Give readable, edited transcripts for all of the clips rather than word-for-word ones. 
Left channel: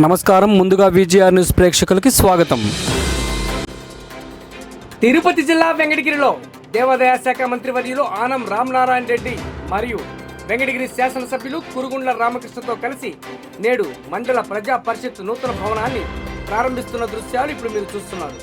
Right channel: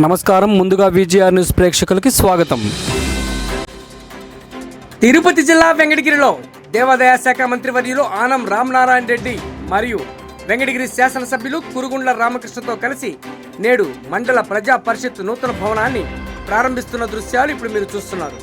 నమస్కారం. ముందుగా VGR news ప్రేక్షకులకి స్వాగతం. తిరుపతి జిల్లా వెంకటగిరిలో దేవాదాయ శాఖ మంత్రివర్యులు ఆనం రామనారాయణ రెడ్డి మరియు వెంకటగిరి శాసనసభ్యులు కురుగుండ్ల రామకృష్ణతో కలిసి నేడు మండల ప్రజా పరిషత్ నూతన భవనాన్ని ప్రారంభిస్తున్న దృశ్యాలు ఇప్పుడు మీరు చూస్తున్నారు.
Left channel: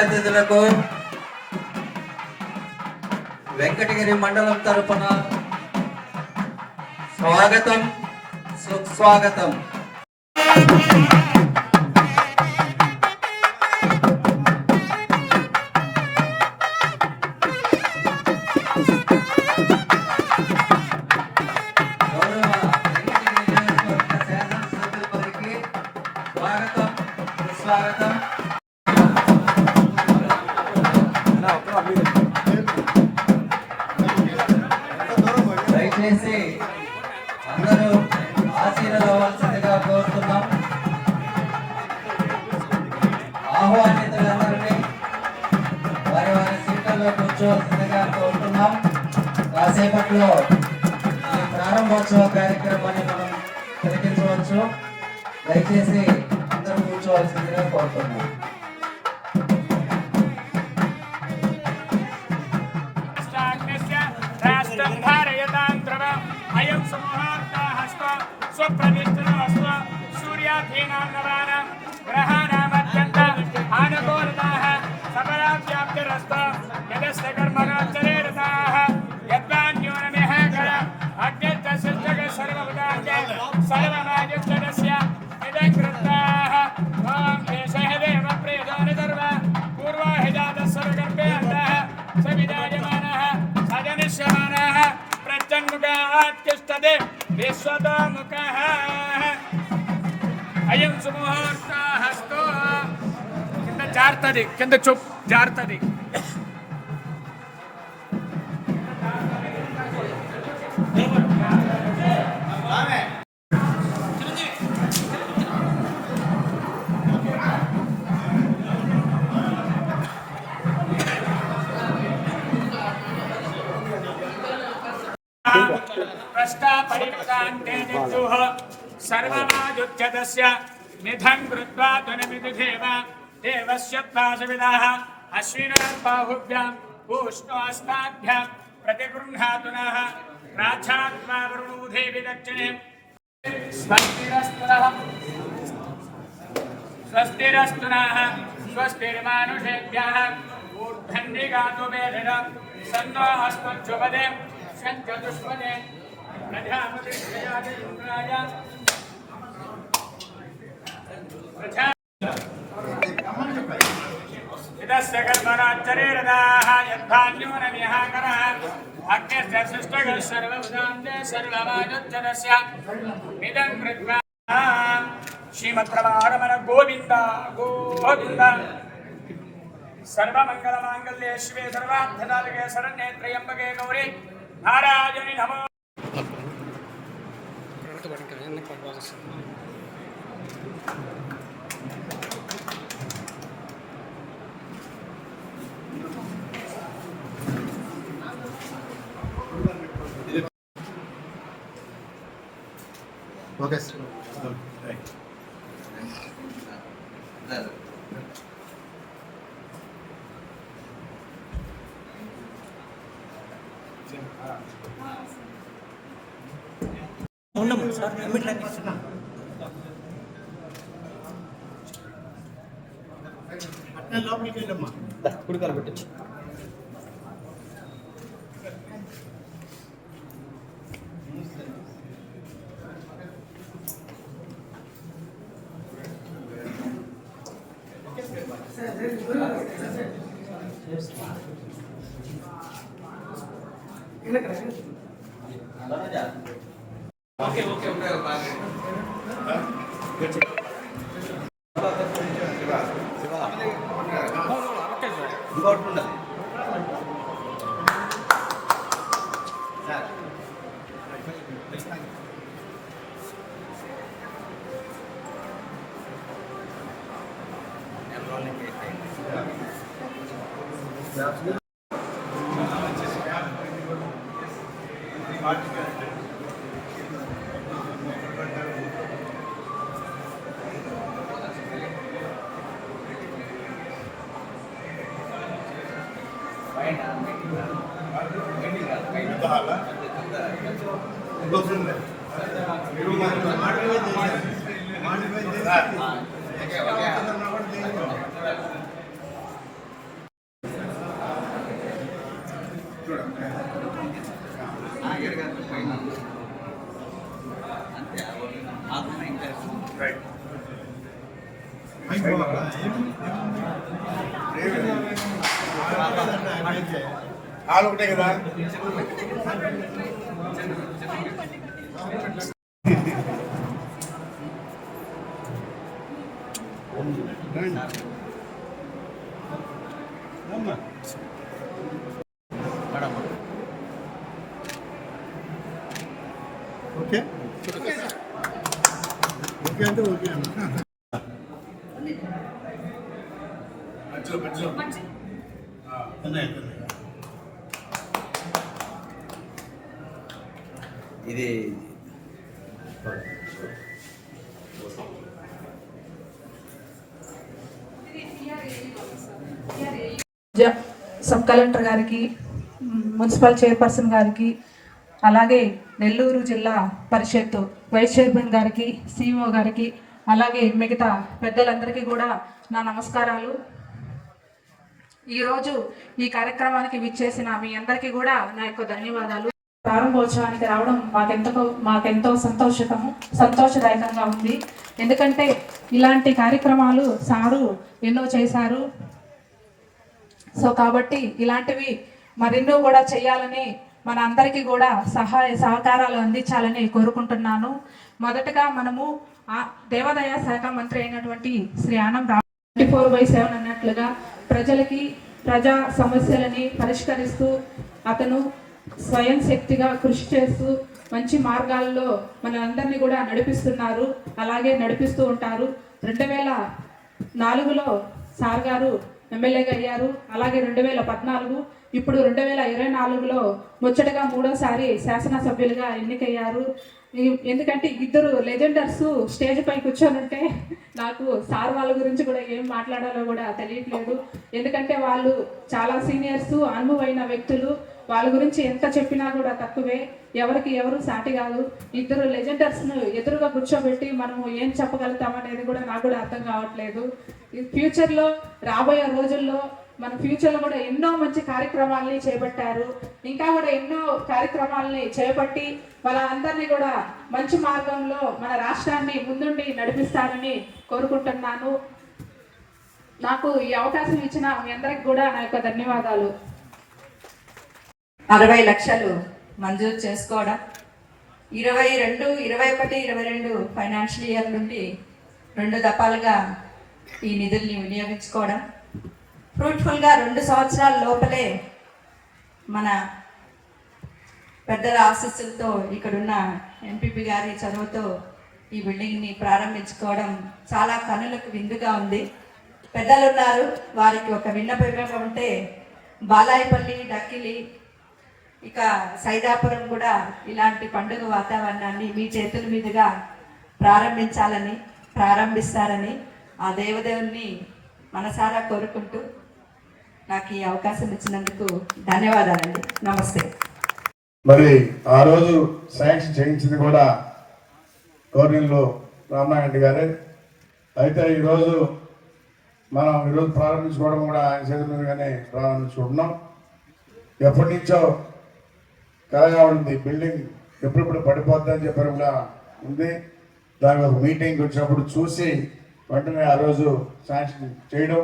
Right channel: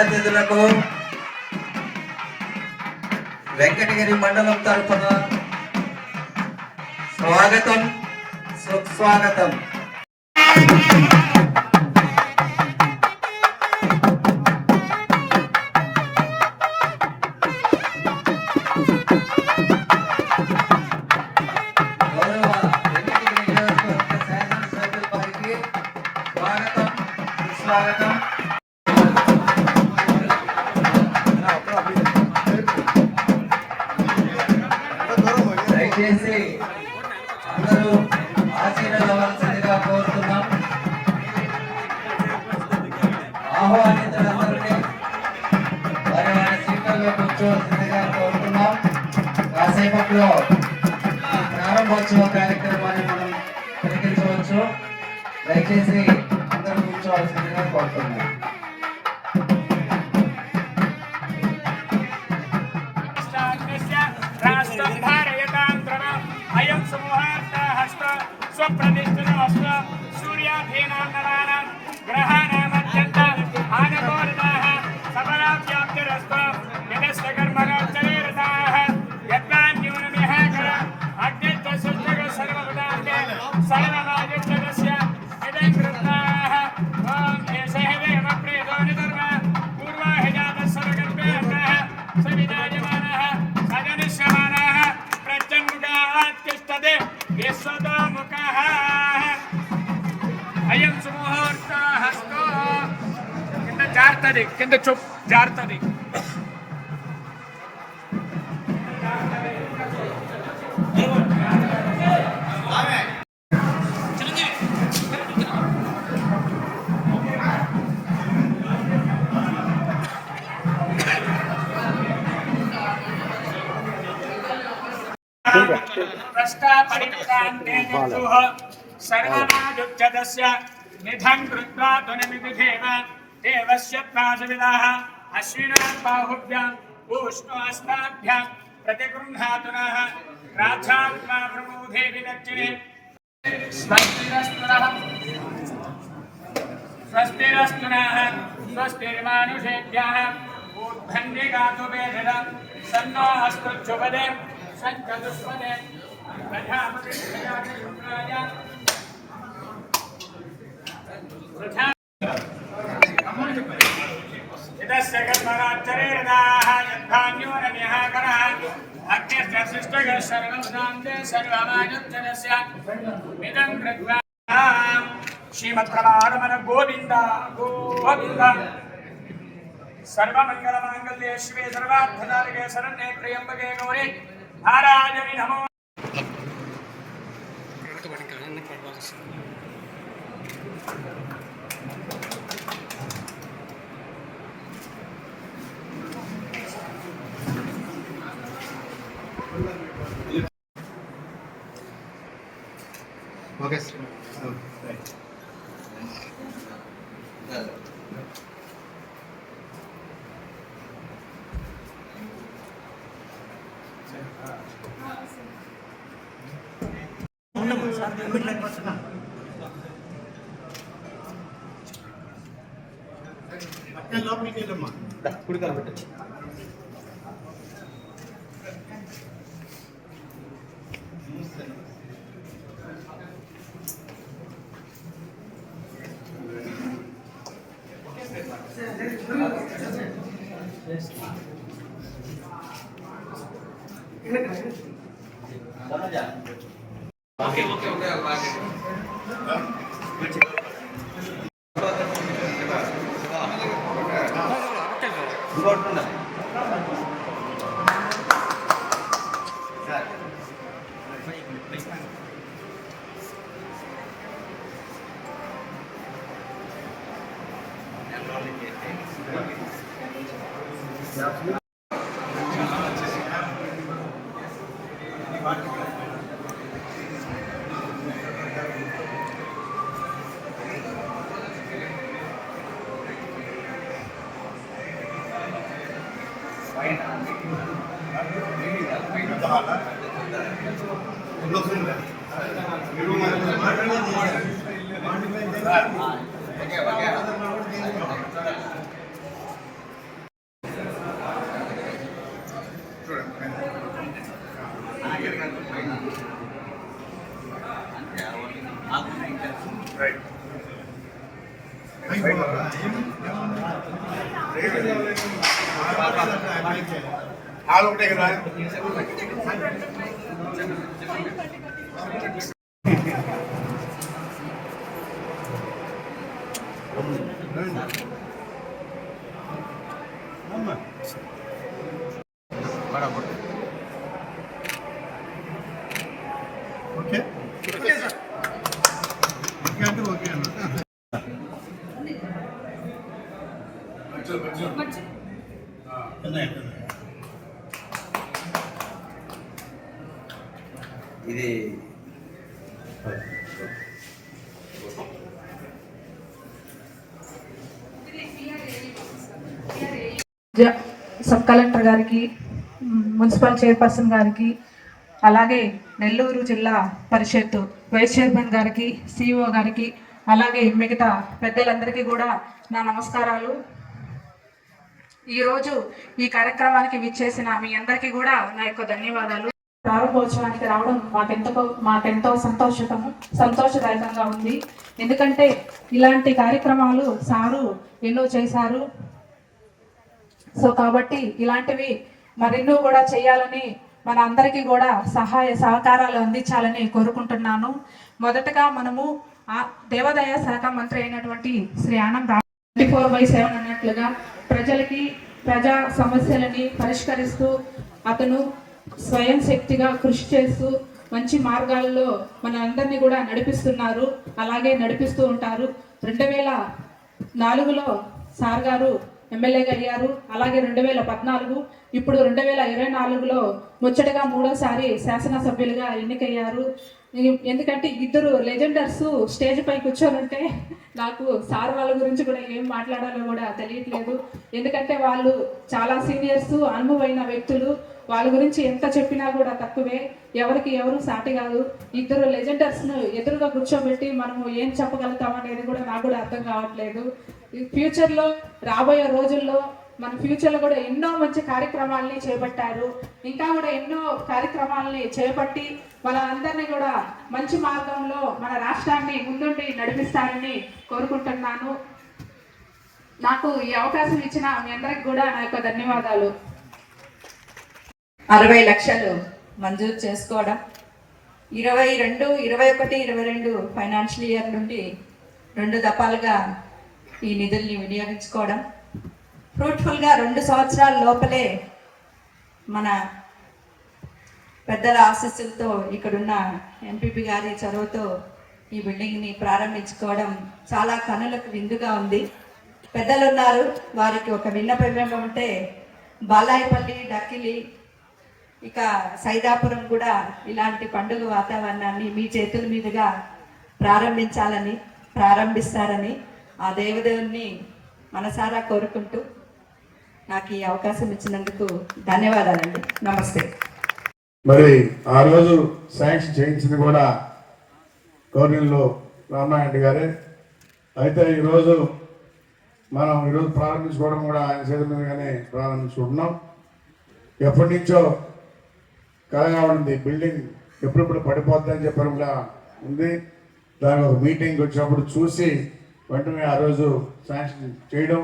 అతిథులకు వెంకటగిరి మండలం తరఫున స్వాగతం, సుస్వాగతం. స్వాగతం. దయచేసి అందరూ ఆశీర్వదించవలసిందిగా కోరుతున్నాం. ఆహ్వానితులందరినీ వారి వారి సీట్లలో కూర్చోవలసిందిగా కోరుతున్నాం. కాసేపట్లో ఈ ప్రారంభోత్సవ కార్యక్రమాన్ని మనం తిరిగించవచ్చు. దయచేసి అందరూ కూర్చోవలసిందిగా కోరుతున్నాం. కింద చూప్ జారుతుంది. सर्वनायुज्यस्य निधं कृत्वा त्वनमितिधेव देवस्य त्वासविदाः अश्विनोर्बाहुभ्यां पूष्णोऽस्ताभ्यां प्रतिगृह्णातुनः राधात्मा प्रमोदे विदक्षिणे स्वस्तिरस्तुनः स्वस्तिर्मानुषेभ्यः ऊर्ध्वन्दिगातु वेदः सन्नो अस्तुच्छुपदे सञ्चतुष्पदे प्रजापति प्रजापतिरुद्राय इदस्य कर्मणाच्चरेरदाः यद्धान्योरनिहाकरः अग्निश्च सृष्टः सर्वमुदान्ते सर्वमायुज्जनस्य इदं कृत्वा श्रीमत्प्रमाणमन गोविन्द गोविन्द सर्वमङ्गलमाङ्गल्ये शिवे सर्वार्थसाधिके शरण्ये त्र्यम्बके गौरी नारायणि नमो. Okay. ఉన్నాము ఒకటే కదా ఓకే ఓకే అంటే ఓకే అన్న ఇది సబ్ కలెక్టర్ గారికి, మున్సిపల్ చైర్పర్సన్ గారికి, అలాగే నెల్లూరు జిల్లా పరిషత్ వైస్ చైర్మన్ గారికి, సిఇఓ గారికి, అలాగే మిగతా పెద్దలందరికీ కూడా నా నమస్కారాలు. ఈరోజు ఈ కార్యక్రమానికి విచ్చేసిన మీ అందరికీ కూడా నా యొక్క ధన్యవాదాలు. ప్రారంభోత్సవానికి రావడం మాకెంతో సంతోషదాయకంగా ఉంది. ఎందుకంటే ఇలాంటి కార్యక్రమాలు సారు ఎన్నో చేశారు. సో కాబట్టి ఇలాంటివి మరెన్నో కూడా చేయాలని, మన అందరికీ కూడా సహాయ సహకారాలు అందించాలని కోరుకుంటున్నాను. మొదటగా మనము దేవాదాయ శాఖ మంత్రి అయినటువంటి శ్రీ ఆనం 24/7 అన్నట్లుగా ప్రజా సమస్యలని పరిష్కరిస్తూ అతను స్వయం శక్తిగా కృషి చేస్తూ మంచి మార్గాల్లో మన అందరినీ కూడా నడిపిస్తున్నారు, అలాగే నడిపిస్తూ ఉంటారు. 2004లో సార్ గారు ఎమ్మెల్యేగా అయ్యారు. అలాగే 2014, ఇప్పుడు 2024లో ముచ్చటగా 3వసారి శాసనసభ్యులుగా ఎన్నికయ్యారు. ఎందుకంటే ఇద్దరు లెజెండర్స్ స్టేజ్ పై కూర్చొని ఉంటే నాకు సార్ వాళ్ళ గురించి కూడా ఏం మాట్లాడాలో కూడా తెలియట్లేదు. ఎందుకంటే వాళ్ళు చాలా సీనియర్స్, అనుభవైన వ్యక్తులు. వాళ్ళ గురించి ఎంత చెప్పినా కూడా తక్కువే, ఎవరికి ఎవరు సాటి కాదు. ఇద్దరు లెజెండర్స్ను ఎదురుగా కూర్చోబెట్టి మనము ఏం చెప్పగలుగుతాం అనేది కూడా నాకు కూడా అర్థం కావట్లేదు. ఫ్యూచర్లో రాబోయే రోజుల్లో మన ఫ్యూచర్లో కూడా ఎన్నో మంచి కార్యక్రమాలని చేపట్టారు. ఇంకా కూడా ఎన్నో కార్యక్రమాలని చేపట్టి వాళ్ళందరినీ కూడా మంచి మార్గంలో మన రాష్ట్రాన్ని ముందుండి నడిపిస్తారని కోరుకుంటున్నాను. నాకు ఈ అవకాశం ఇచ్చిన మీ అందరికి కూడా నా యొక్క ధన్యవాదాలు. 60 లక్షలు మంజూరు చేసుకోవడం, 22, 21, 22 ఫైనాన్షియల్ ఇయర్ నుండి 2 దఫాలుగా ఈ నిధుల్ని వినియోగించుకోవడం, ఫ్రూట్ఫుల్గా 2 సంవత్సరాల లోపలే మన పెద్దల ఆశీస్సులతో ఇక్కడున్న ఎంపీపీ గారి చొరవతో ఈ బిల్డింగ్ని ప్రారంభించుకోవడం చాలా కనులకు విందుగా ఉంది. పెద్దలు ఉన్నారు, వారికి ఒక విన్నపం ఉంటే బాలాయపల్లి, డక్కిలి, ఇక సైదాపురం కూడా ఇలాంటి పండుగ వాతావరణాన్ని మీ చేతుల మీదుగా ప్రారంభిస్తారని ఆ దేవదేవుని మనసారా కోరుకుంటూ నాకు ఈ అవకాశం ఇచ్చినందుకు ధన్యవాదాలండి. నమస్తే. మరి ఆ రోజు శాంక్షన్ చేయించింది కూడా గవర్నర్లు రామారెడ్డి గారే. అయితే ఈరోజు ప్రారంభించుకోవడం కూడా ఆయన చేతుల మీదుగానే ప్రారంభించుకుంటున్నాం. ఎప్పటి నుంచో కలగా ఉంది, బిల్డింగ్ ఎప్పుడెప్పుడు పడిపోద్దని చెప్పడం కూడా ఉంది. దానికి ఒక మీటింగ్ వచ్చినప్పుడు చూసి వెంటనే ఆ రోజు శాంక్షన్ చేయడం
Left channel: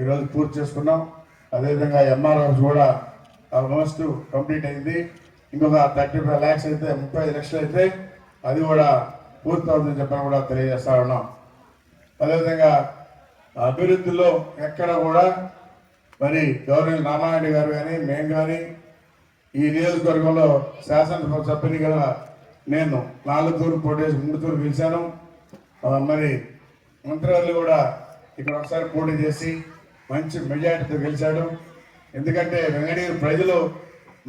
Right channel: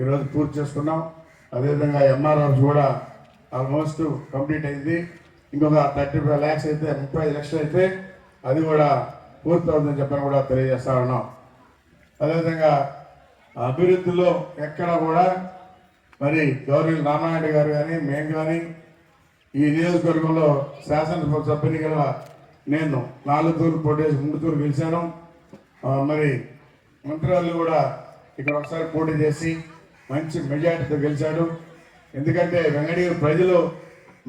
ఈరోజు పూర్తి చేసుకున్నాం. అదేవిధంగా ఎంఆర్ హౌస్ కూడా ఆల్మోస్ట్ కంప్లీట్ అయింది. ఇంకొక 35 lakhs అయితే 35 లక్షలు అయితే అది కూడా పూర్తి అవుతుందని చెప్పని కూడా తెలియజేస్తా ఉన్నాం. అదేవిధంగా అభివృద్ధిలో ఎక్కడ కూడా మరి గవర్నర్ రామారెడ్డి గారు కానీ మేము కానీ ఈ నియోజకవర్గంలో శాసనసభ సభ్యునిగా నేను 4 తూర్లు పోటీ చేసి 3 తూర్లు గెలిచాను. మరి మంత్రివాళ్ళు కూడా ఇక్కడ ఒకసారి పోటీ చేసి మంచి మెజార్టీతో గెలిచాడు. ఎందుకంటే వెంకటగిరి ప్రజలు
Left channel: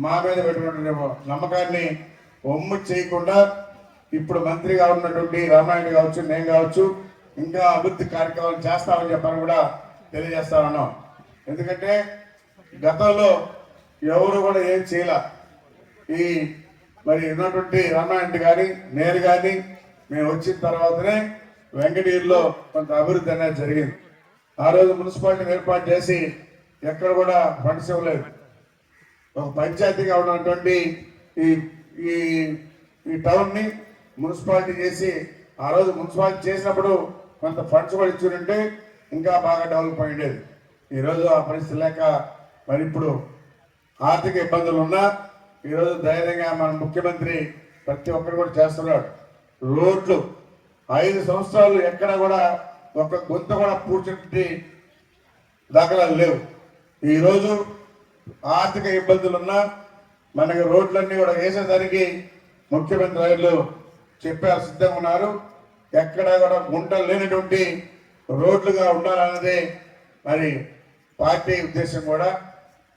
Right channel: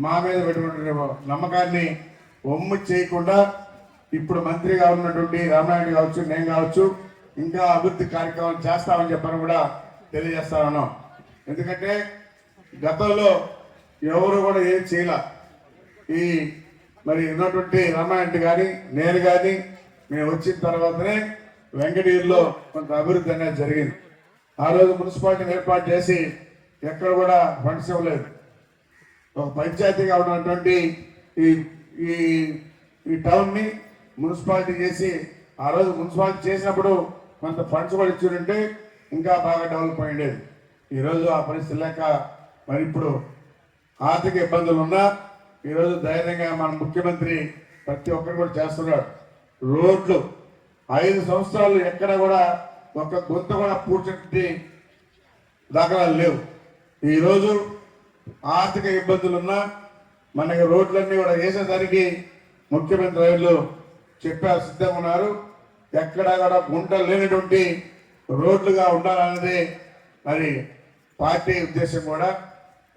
మా మీద పెట్టుకుంటున్న నమ్మకాన్ని ఒమ్ము చేయకుండా ఇప్పుడు మంత్రిగా ఉన్నటువంటి రామారెడ్డి కావచ్చు, నేను కావచ్చు, ఇంకా అభివృద్ధి కార్యక్రమాలు చేస్తామని చెప్పని కూడా తెలియజేస్తా ఉన్నాం. ఎందుకంటే గతంలో ఎవరు కూడా ఏం చేయలే. ఈ మరి ఉన్నటువంటి రామారెడ్డి కానీ నేను కానీ మేము వచ్చిన తర్వాతనే వెంకటగిరిలో కొంత అభివృద్ధి అనేది జరిగింది. ఆ రోజు మున్సిపాలిటీని ఏర్పాటు చేసి ఎక్కడ కూడా ఫండ్స్ ఇవ్వలేదు. ఒక పంచాయతీగా ఉన్నటువంటి ఈ ఈ ఈ టౌన్ని మున్సిపాలిటీ చేసి ఆ రోజు మున్సిపాలిటీ చేసినప్పుడు కొంత ఫండ్స్ కూడా ఇచ్చుంటే ఇంకా బాగా డెవలప్ అయ్యేది. ఈరోజు ఆ పరిస్థితి లేక మరి ఇప్పుడు ఆర్థిక ఇబ్బందులు ఉన్నా ఈరోజు ధైర్యంగా మన ముఖ్యమంత్రి ప్రతి ఒక్కరు కూడా చేస్తున్నాడు. రోడ్లు 5 సంవత్సరాలు ఎక్కడ కూడా ఒక గుంత కూడా పూడ్చినటువంటి దాఖలాలు లేవు. ఈరోజు ఆర్థిక ఇబ్బందులు ఉన్నా మనకి రోడ్లన్నీ కూడా వేసేదానికి ముఖ్యమంత్రి రైళ్ళు చెప్పారు, సిద్ధంగా ఉన్నారు. ఎక్కడ కూడా గుంటలు లేనటువంటి రోడ్లుగా ఉండాలన్నది మరి పార్టీ ఉద్దేశం కూడా,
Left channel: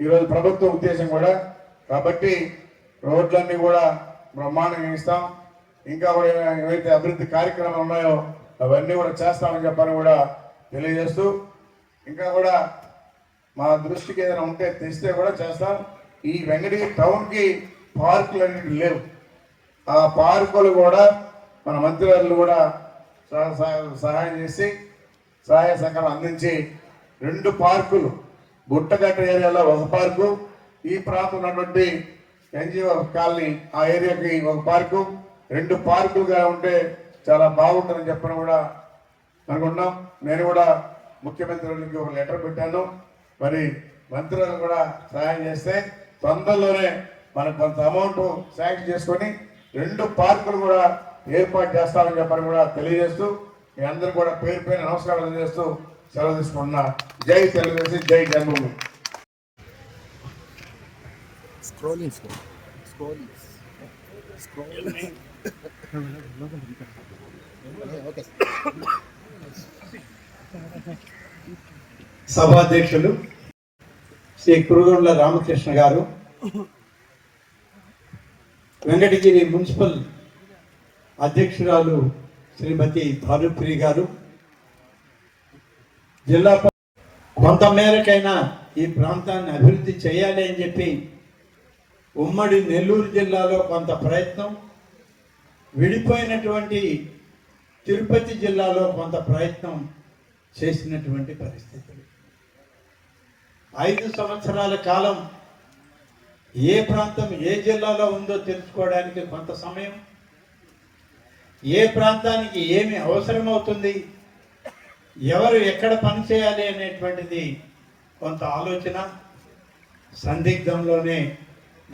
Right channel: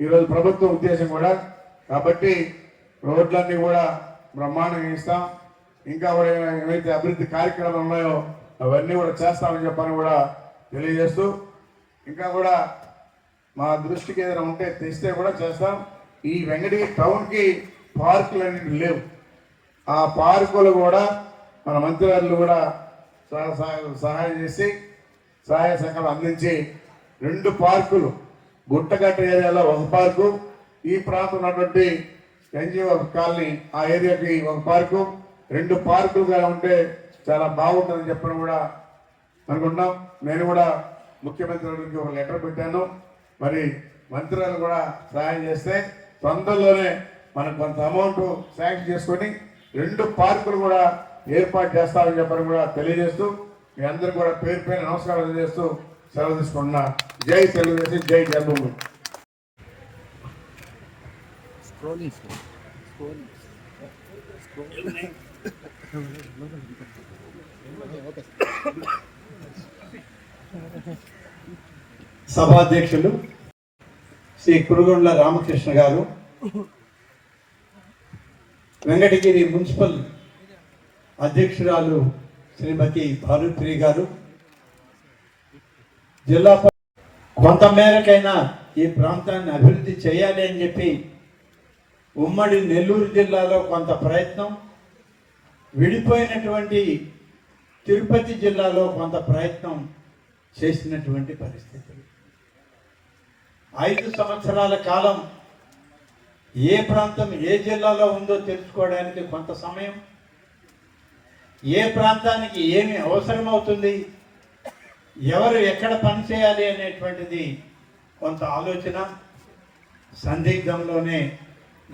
ఈరోజు ప్రభుత్వం ఉద్దేశం కూడా. కాబట్టి రోడ్లన్నీ కూడా బ్రహ్మాండంగా ఇస్తాం. ఇంకా కూడా ఏవైతే అభివృద్ధి కార్యక్రమాలు ఉన్నాయో అవన్నీ కూడా చేస్తామని చెప్పని కూడా తెలియజేస్తూ, ఇంకా కూడా మా దృష్టికి ఏదైనా ఉంటే తెస్తే కూడా చేస్తాం. ఈ వెంకటగిరి టౌన్కి పార్కులు అనేవి లేవు. ఆ పార్కులు కూడా మన మంత్రివర్యులు కూడా సహాయం చేసి సహాయ సహకారం అందించి 2 పార్కులు, గుట్టగట్ట ఏరియాలో ఒక పార్కు, ఈ ప్రాంతం ఉన్నటువంటి ఎన్జిఓ కాలనీ ఆ ఏరియాకి ఒక పార్కు, 2 పార్కులుగా ఉంటే చాలా బాగుంటుందని చెప్పని కూడా అనుకుంటున్నాం. నేను కూడా ముఖ్యమంత్రికి ఒక లెటర్ పెట్టాను. మరి మంత్రులు కూడా సహాయం చేస్తే తొందరలోనే మనకు కొంత అమౌంట్ శాంక్షన్ చేసుకొని 2 పార్కులు కూడా ఏర్పాటు చేస్తామని చెప్పని కూడా తెలియజేస్తూ మీ అందరూ కూడా పేరు పైన నమస్కారాలు చేస్తూ సెలవు తీసుకుంటున్నా. జై తెలుగుదేశం, జై జన్మభూమి. సభాధ్యక్షులు శ్రీ కురుగుండ్ల రామకృష్ణ గారు, వెంకటగిరి మున్సిపల్ అధ్యక్షురాలు శ్రీమతి భానుప్రియ గారు, జిల్లా కొంత మేరకైనా ఈ ప్రాంతాన్ని అభివృద్ధి చేయాలి అని చెప్పి ఉమ్మడి నెల్లూరు జిల్లాలో కొంత ప్రయత్నం, విడిపోయినటువంటి తిరుపతి జిల్లాలో కొంత ప్రయత్నం చేసినటువంటి పరిస్థితులు. 5 సంవత్సరాల కాలం ఏ ప్రాంతం ఏ జిల్లాలో ఉందో తెలుసుకోవడానికి కొంత సమయం, ఏ ప్రాంతానికి ఏమి అవసరమవుతుంది, ఎవరు ఎక్కడ పనిచేయాలి అనేటువంటిది కొంత ఆలోచన సందిగ్ధంలోనే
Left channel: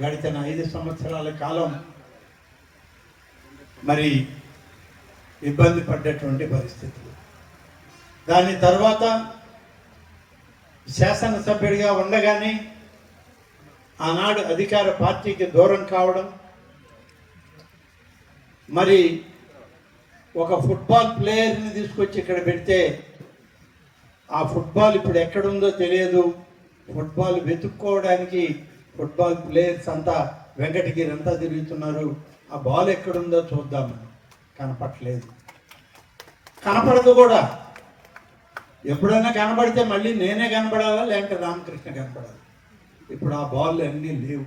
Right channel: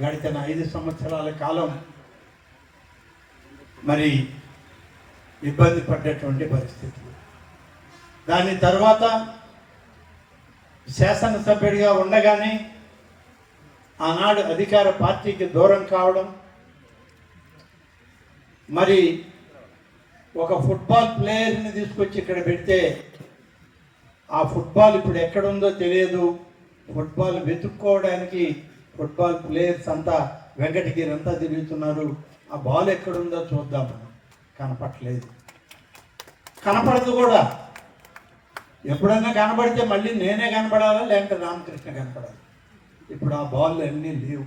గడిచిన 5 సంవత్సరాల కాలం మరి ఇబ్బంది పడ్డటువంటి పరిస్థితులు. దాని తర్వాత శాసనసభ్యుడిగా ఉండగానే ఆనాడు అధికార పార్టీకి దూరం కావడం, మరి ఒక ఫుట్బాల్ ప్లేయర్ని తీసుకొచ్చి ఇక్కడ పెడితే ఆ ఫుట్బాల్ ఇప్పుడు ఎక్కడుందో తెలియదు. ఫుట్బాల్ వెతుక్కోవడానికి ఫుట్బాల్ ప్లేయర్స్ అంతా వెంకటగిరి అంతా తిరుగుతున్నారు. ఆ బాల్ ఎక్కడుందో చూద్దామని కనపట్లేదు, కనపడదు కూడా. ఎప్పుడైనా కనబడితే మళ్ళీ నేనే కనపడాలా, లేకపోతే రామకృష్ణ కనపడాలి. ఇప్పుడు ఆ బాల్ అన్నీ లేవు.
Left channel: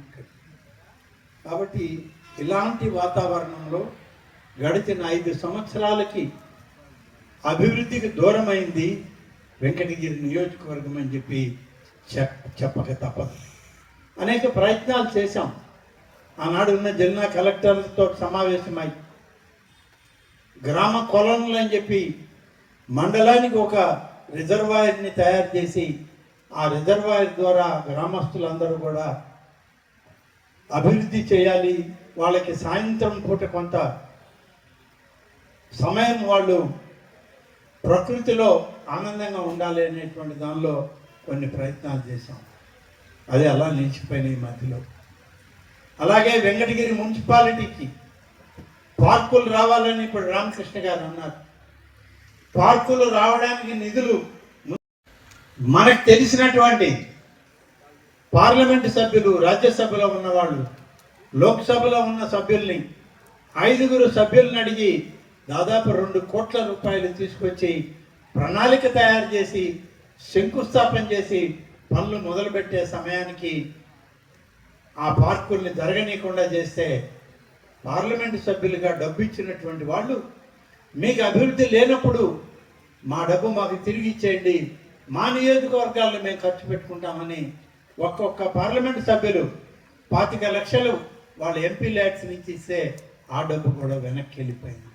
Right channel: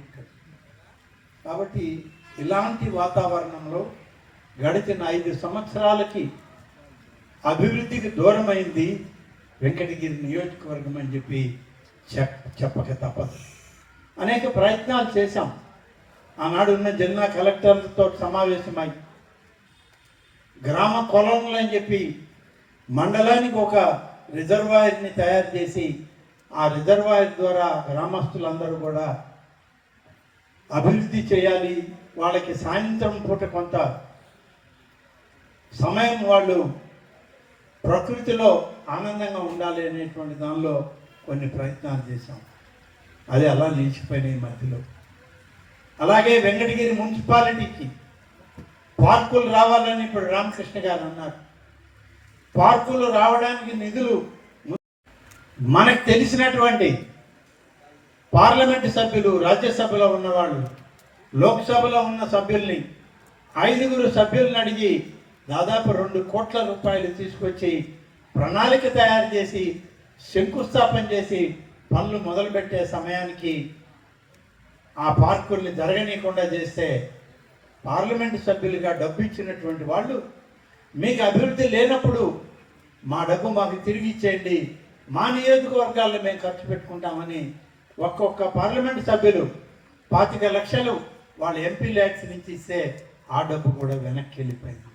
కాబట్టి ఇలాంటి వాతావరణంలో గడిచిన 5 సంవత్సరాలకి అభివృద్ధికి దూరమైంది వెంకటగిరి నియోజకవర్గం అని చెప్పి చెప్పక తప్పదు. అనేక ప్రయత్నాలు చేశాం. ఆనాడు ఉన్న జిల్లా కలెక్టర్లతో సమావేశమై గ్రామ కొలనులు అని చెప్పి మండలానికి ఒక రిజర్వాయర్ని తయారు చేసి ఆ రిజర్వాయర్ ద్వారా గ్రామస్తులందరూ కూడా అభివృద్ధి చేయాలి, వాళ్ళకి సాయంత్రం పూట కొంత సమయం వాళ్ళు ప్రకృతిలో ఆనందంగా ఉండాలి అనేటువంటి దానిలో కొన్ని ప్రయత్నాలు చేశాం. అది అలా నిలిచిపోయినాయి మధ్యలో. అలాగే వెంకటగిరి మున్సిపాలిటీకి పార్కులు రావాలని ఇప్పుడు రామకృష్ణ గారు అన్నారు. పార్కులు రావడానికి నిధులు మనకు తెలిసినటువంటి పార్లమెంటు సభ్యులు, రాజ్యసభలో ఉన్నవాళ్ళు, లోక్సభలో ఉన్న సభ్యుల్ని 5 సభ్యులను అడిగి దాదాపు 2 కోట్ల రూపాయలు తీసుకొచ్చి ప్రణాళిక తయారు చేసి శంకుస్థాపన చేసి పనులు మొదలుపెట్టే సమయానికి ఆ పార్కుల్ని జరగనీయకుండా చేస్తే పార్లమెంటు సభ్యులుగా డబ్బు ఇచ్చినటువంటి వాళ్ళు మీకు అభివృద్ధి లేనప్పుడు మా డబ్బు మాకు తిరిగి ఇచ్చేయండి, మా నియోజకవర్గాల్లో మేము ఖర్చు పెట్టుకుంటామని ఒక్కొక్క పార్లమెంటు సభ్యులు 25 లక్షలు వాళ్ళ ఎంపీ ల్యాక్స్ నుంచి ఇస్తే ఆ డబ్బు కూడా వెనక్కి వెళ్ళిపోయింది.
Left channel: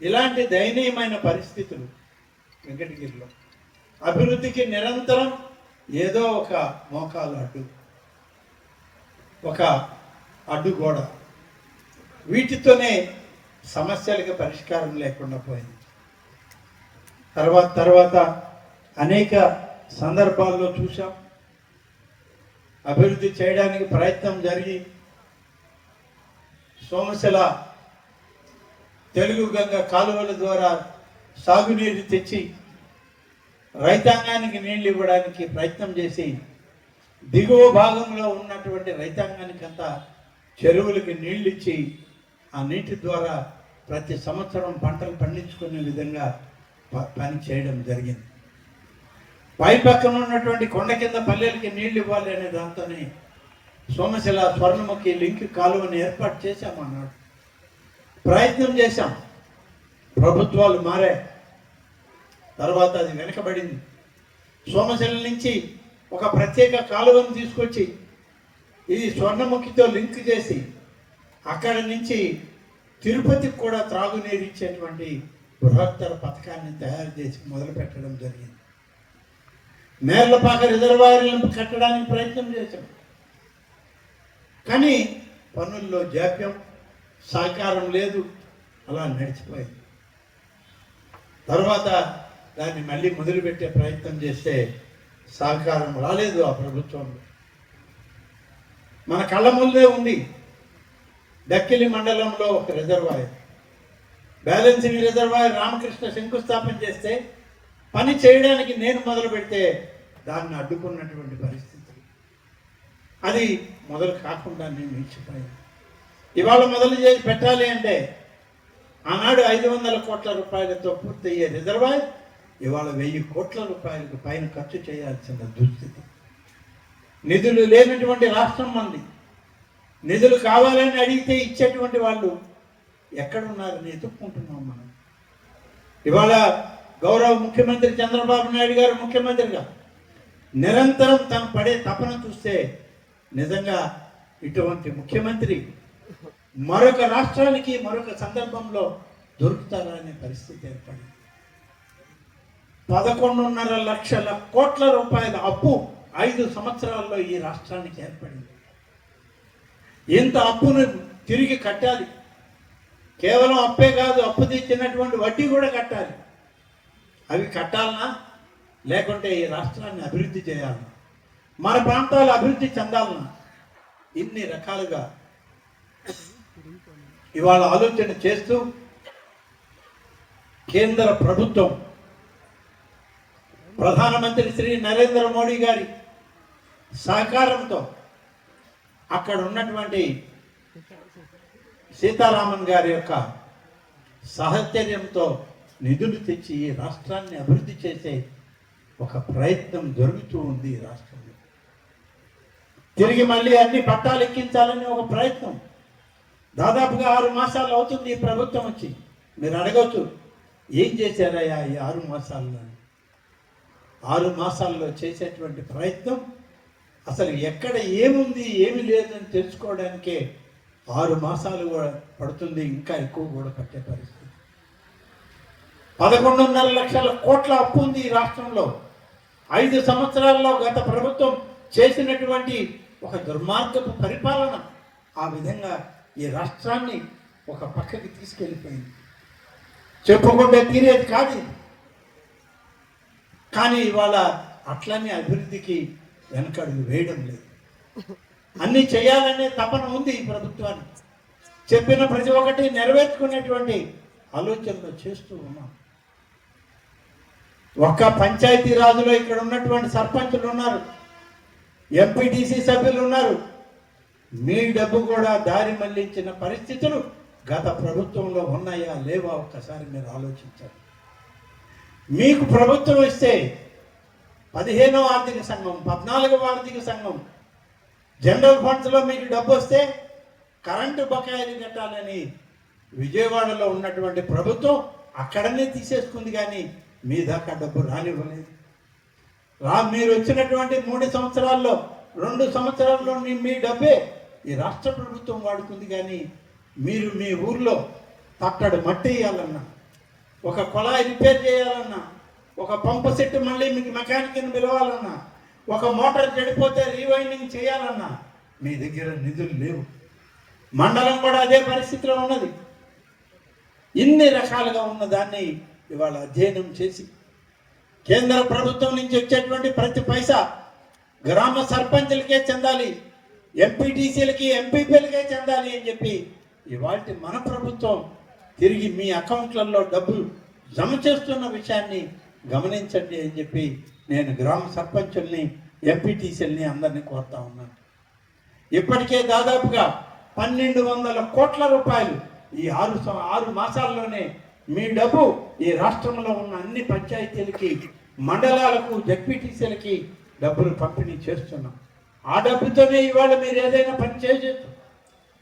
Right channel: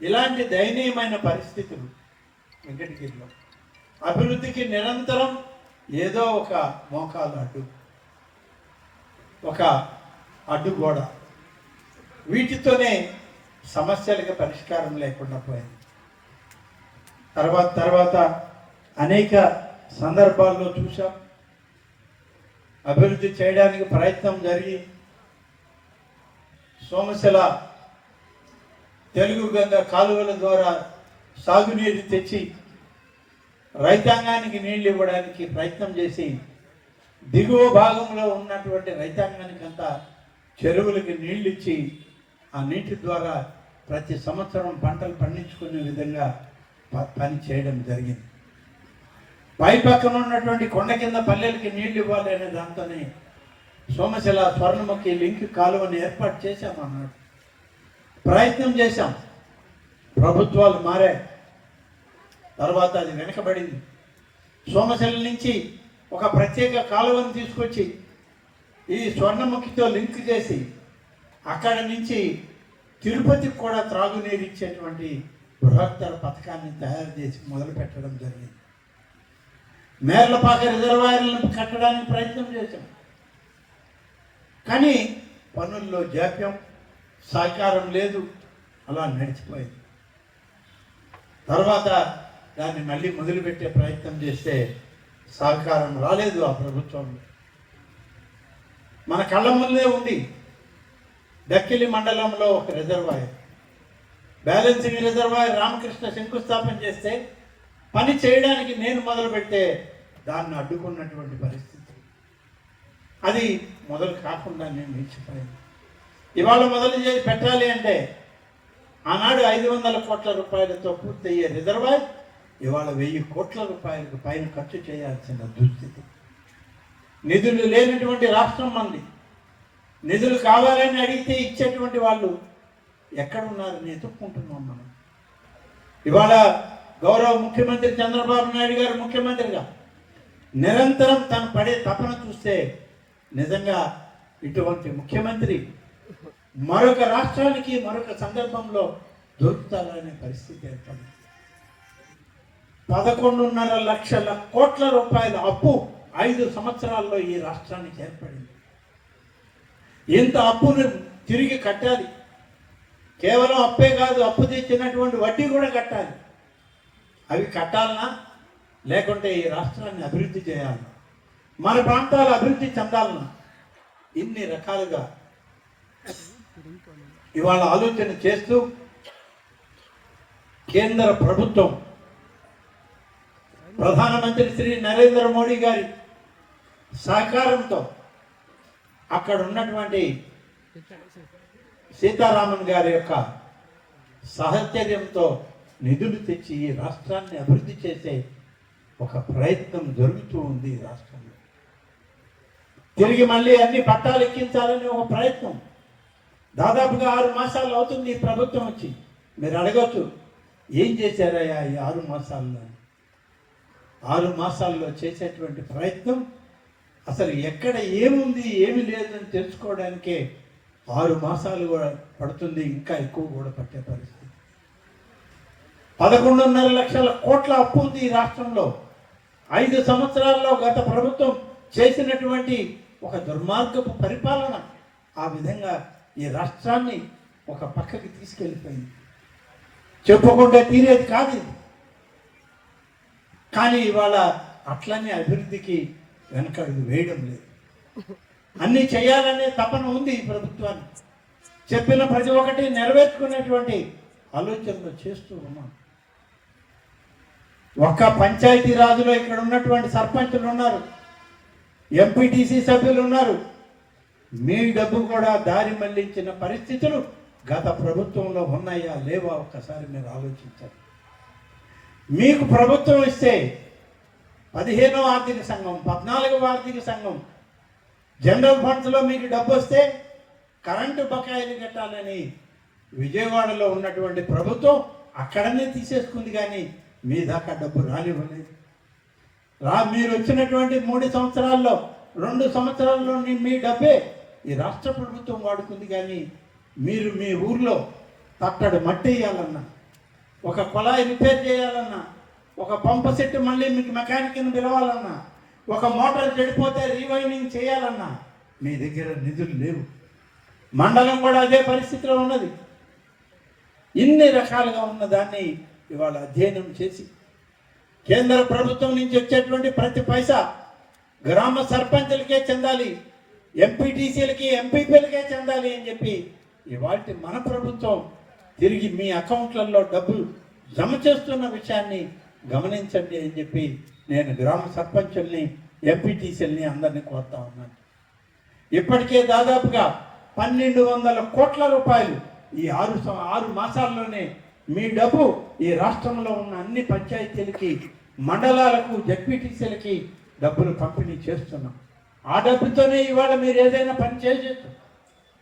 ఇలాంటి దయనీయమైన పరిస్థితులు వెంకటగిరిలో. అభివృద్ధికి నిరంతరం ఏదో ఒక మోకాలు అడ్డు, ఒక అడ్డుగోడ, వీటితోనే సమస్యలకు పరిష్కారం లేకుండా పోయింది. తర్వాత అనేక సందర్భాల్లో చూసాం. అభివృద్ధి చేయడానికి ప్రయత్నం జరిగి సోమశిల తెలుగు గంగ కాలువల ద్వారా సాగునీరు తెచ్చి రైతాంగానికి నీళ్లు ఇవ్వడానికి ప్రయత్నం చేసి దిగువ భాగంలో ఉన్నటువంటి రైతాంగానికి అంతా చెరువులకి నీళ్ళు ఇచ్చి ఆ నీటి ద్వారా ప్రతి సంవత్సరం పంటలు పండించుకునే విధంగా పని చేయడం జరిగింది. పై పక్కన ఉన్నటువంటి కొండ కింద పల్లెలకి నీళ్లు ఇవ్వాలి అనే దాంతోనే సోమశిల స్వర్ణముఖి లింక్ కాలువని ఏర్పాటు చేశాం అన్నాడు. ప్రయత్నం చేశాం, ప్రభుత్వాలు మారాయి, తర్వాత అది వెనకబడింది. సోమశిల నుంచి ఒక ప్రత్యేక కాలువను తీసుకొచ్చి ఈ స్వర్ణముఖితో లింక్ చేసి అక్కడి నుంచి తిరుపతికి కూడా త్రాగునీరు ఇచ్చేటువంటి బృహత్తర పథకాన్ని తయారు చేసి మొదలు పెట్టడం జరిగింది. మేర్లపాక రిజర్వాయర్లను కట్టడానికి ప్రయత్నం చేశాం, కానీ పనుల్లో జాప్యం, సహకారం లేదు, అలా నడిచిపోయింది. తర్వాత దాన్ని మళ్ళీ మొదలుపెట్టే ప్రయత్నం చేస్తే సహకారం రాలేదు ఆ ప్రభుత్వంలో. మన కళ్ళ ముందే ఉంది దక్కిలి మండలంలో ఒక రిజర్వాయర్, బ్యాలెన్సింగ్ రిజర్వాయర్ రామకృష్ణ శంకుస్థాపన చేస్తే పని చేయడానికి నేను మొదలు పెడితే దాన్ని అడ్డుకున్నటువంటి పరిస్థితి. అది మొదలు కాకుండా నేను నిలిచిపోయింది. ఇవాళ మొదలు చేసి పెట్టాలి అంటే ఆనాడు 500 కోట్ల రూపాయలతో పూర్తయ్యే రిజర్వాయర్ ఇవాళ 1000 కోట్ల రూపాయలకు పైన ఖర్చు చేయాల్సిన దుస్థితి. నిధులు లేనటువంటి రాష్ట్రం మంది. నిధులు కావాలని అడిగితే ఇచ్చేటువంటి వాళ్ళు ఎక్కడున్నారని ఎత్తుక్కుంటున్నాం మనం. ఇవాళ గౌరవ ముఖ్యమంత్రి చంద్రబాబు నాయుడు గారు ముఖ్యమంత్రిగా నిరంతరం తను పడే తపన చూస్తే నిజంగా ఇటువంటి ముఖ్యమంత్రి మరొక రాష్ట్రానికి మరొక సందర్భంలో దొరుకుతారనే పరిస్థితి ఏర్పడింది. 11.5 లక్షల కోట్ల రూపాయల అప్పు 5 సంవత్సరాల్లో ఈ రాష్ట్రానికి ఏర్పడింది. ఇంత అప్పును తిరిగి కట్టాలి. కేవలం అప్పే కాదు, అప్పు తెచ్చినటువంటి వడ్డీ కూడా కట్టాలి. అవి కట్టాలన్నా లేకుంటే ఈ రాష్ట్రాన్ని అభివృద్ధి చేయాలన్నా, మన ప్రాంతాలు అభివృద్ధి చెందాలన్నా, ఇన్ని రకాలుగా ఇవాళ ఆలోచన చేస్తూ కేంద్ర ప్రభుత్వం ప్రధానమంత్రి శ్రీ నరేంద్ర మోడీ గారి సహకారంతో అక్కడ ఉన్నటువంటి సీతారామన్ గారి యొక్క సహచర్యంతో నిధులు తెచ్చి ఈ రాష్ట్రాన్ని అభివృద్ధి చేసే ఒక ప్రయత్నం జరుగుతూ ఉంది ఈ రాష్ట్రంలో. తిరిగి మళ్ళీ అన్ని పట్టాలు ఎక్కించాలని ఒక ప్రయత్నం. దాదాపుగా 6 మాసాలు అవుతుంది ఈ ప్రభుత్వం వచ్చి. మీరు అడగవచ్చు, ఏం చేశారయ్యా ఈ 6 మాసాల్లో? 6 మాసాల్లో చేసేటువంటి ప్రయత్నం అసలు ఎక్కడ ఏముంది ఏమి లేదని తెలుసుకోవడానికే 6 మాసాలు కూడా పడుతుంది, ఇంకా ఎక్కువ కూడా పట్టే పరిస్థితి. 11.5 లక్షల కోట్ల అప్పు ఉంది ఈ రాష్ట్రంలో. 5 సంవత్సరాల్లో గత ప్రభుత్వం చేసినటువంటి ఒక దుర్మార్గపు పరిపాలన ఆ విధంగా ఈ రాష్ట్రాన్ని ఒక పక్కకి తీసుకెళ్ళిపోయింది. చెప్పుకుంటే తీరేది కాదు ఇది. కానీ ఇవాళ అట్లనే అభివృద్ధికి వెనకడుగు వేయడం లేదు. అన్నీ చేయాలనే తపన ఉంది ఈ ప్రభుత్వానికి. చెప్పిన ప్రతి ఒక్కటి నెరవేర్చుకునేటువంటి ఆలోచనలు చేస్తూ ఉన్నాం. ఒక్క పంచాయతీ రాజులో ఇక్కడ ఉన్నటువంటి సర్పంచులు ఉన్నారు, ఎంపీటీసీ సభ్యులు ఉన్నారు. మీ డబ్బు కూడా దారి మళ్లించిన పరిస్థితులు గత ప్రభుత్వంలో ఉన్నాయా లేవా ఒక్కసారి మీరు ఆలోచించాలి. మీకు ప్రభుత్వం ఇస్తే 15వ ఆర్థిక సంఘం, 14వ ఆర్థిక సంఘం జనరల్ ఫండ్స్లో మీకు డబ్బు వస్తే కరెంటు బకాయిలు కట్టాలని విజయవాడలో ఉన్నటువంటి ప్రభుత్వం అక్కడనే తీసేసుకుంది, కానీ మీ దాకా డబ్బు రానివ్వలేదు. మీరు వచ్చినటువంటి 3 సంవత్సరాల్లో 2 సంవత్సరాల్లో మీ డబ్బే ఈ రాష్ట్ర ప్రభుత్వం వాడుకుంది, కానీ మీరు మీ ఊర్లో తట్టడు మట్టి వేయాలన్నా, ఒక కుళాయి రిపేర్ చేయాలన్నా, ఒక పంపు సెట్ మళ్ళీ మీకు మెకానిక్ని పిలవాలన్నా, ఒక మోటార్ చెడిపోతే రీవైండింగ్ చేయాలన్నా మీ దగ్గర నిధులు లేవు. మండలం కూడా అదే పరిస్థితిలో ఉన్నది. ఇన్ని రకాలుగా ఉన్న దాన్ని ఇవాళ అధ్యయనం చేసి కేంద్ర ప్రభుత్వం నుంచి వచ్చేటువంటి ప్రతి పైసా గ్రామ సర్పంచులకే చెందాలి, ఎంపీటీసీలకి ఎంపీపీలకే చెందాలి అని చెప్పి ఇవాళ మన ప్రభుత్వం తిరిగి మీ అకౌంట్లలో డబ్బులు జమ చేస్తున్న విషయాన్ని గమనించండి అని చెప్పి నేను గ్రామ సర్పంచుల్ని ఎంపీటీసీలని అందరినీ కోరుతా ఉన్నాను. ఇప్పటికే దాదాపుగా 1200 కోట్ల రూపాయలు ఈ 6 మాసాల్లోనే మీ డబ్బు ఈ రాష్ట్రంలో ఉన్న అన్ని పంచాయతీలకి, మండలాలకు, జడ్పీటీసీలకి డబ్బులు పంపిణీ చేస్తున్నాం. ఆ డబ్బుతోనే ఇవాళ మీరు ఏదైనా పని చేయవచ్చు.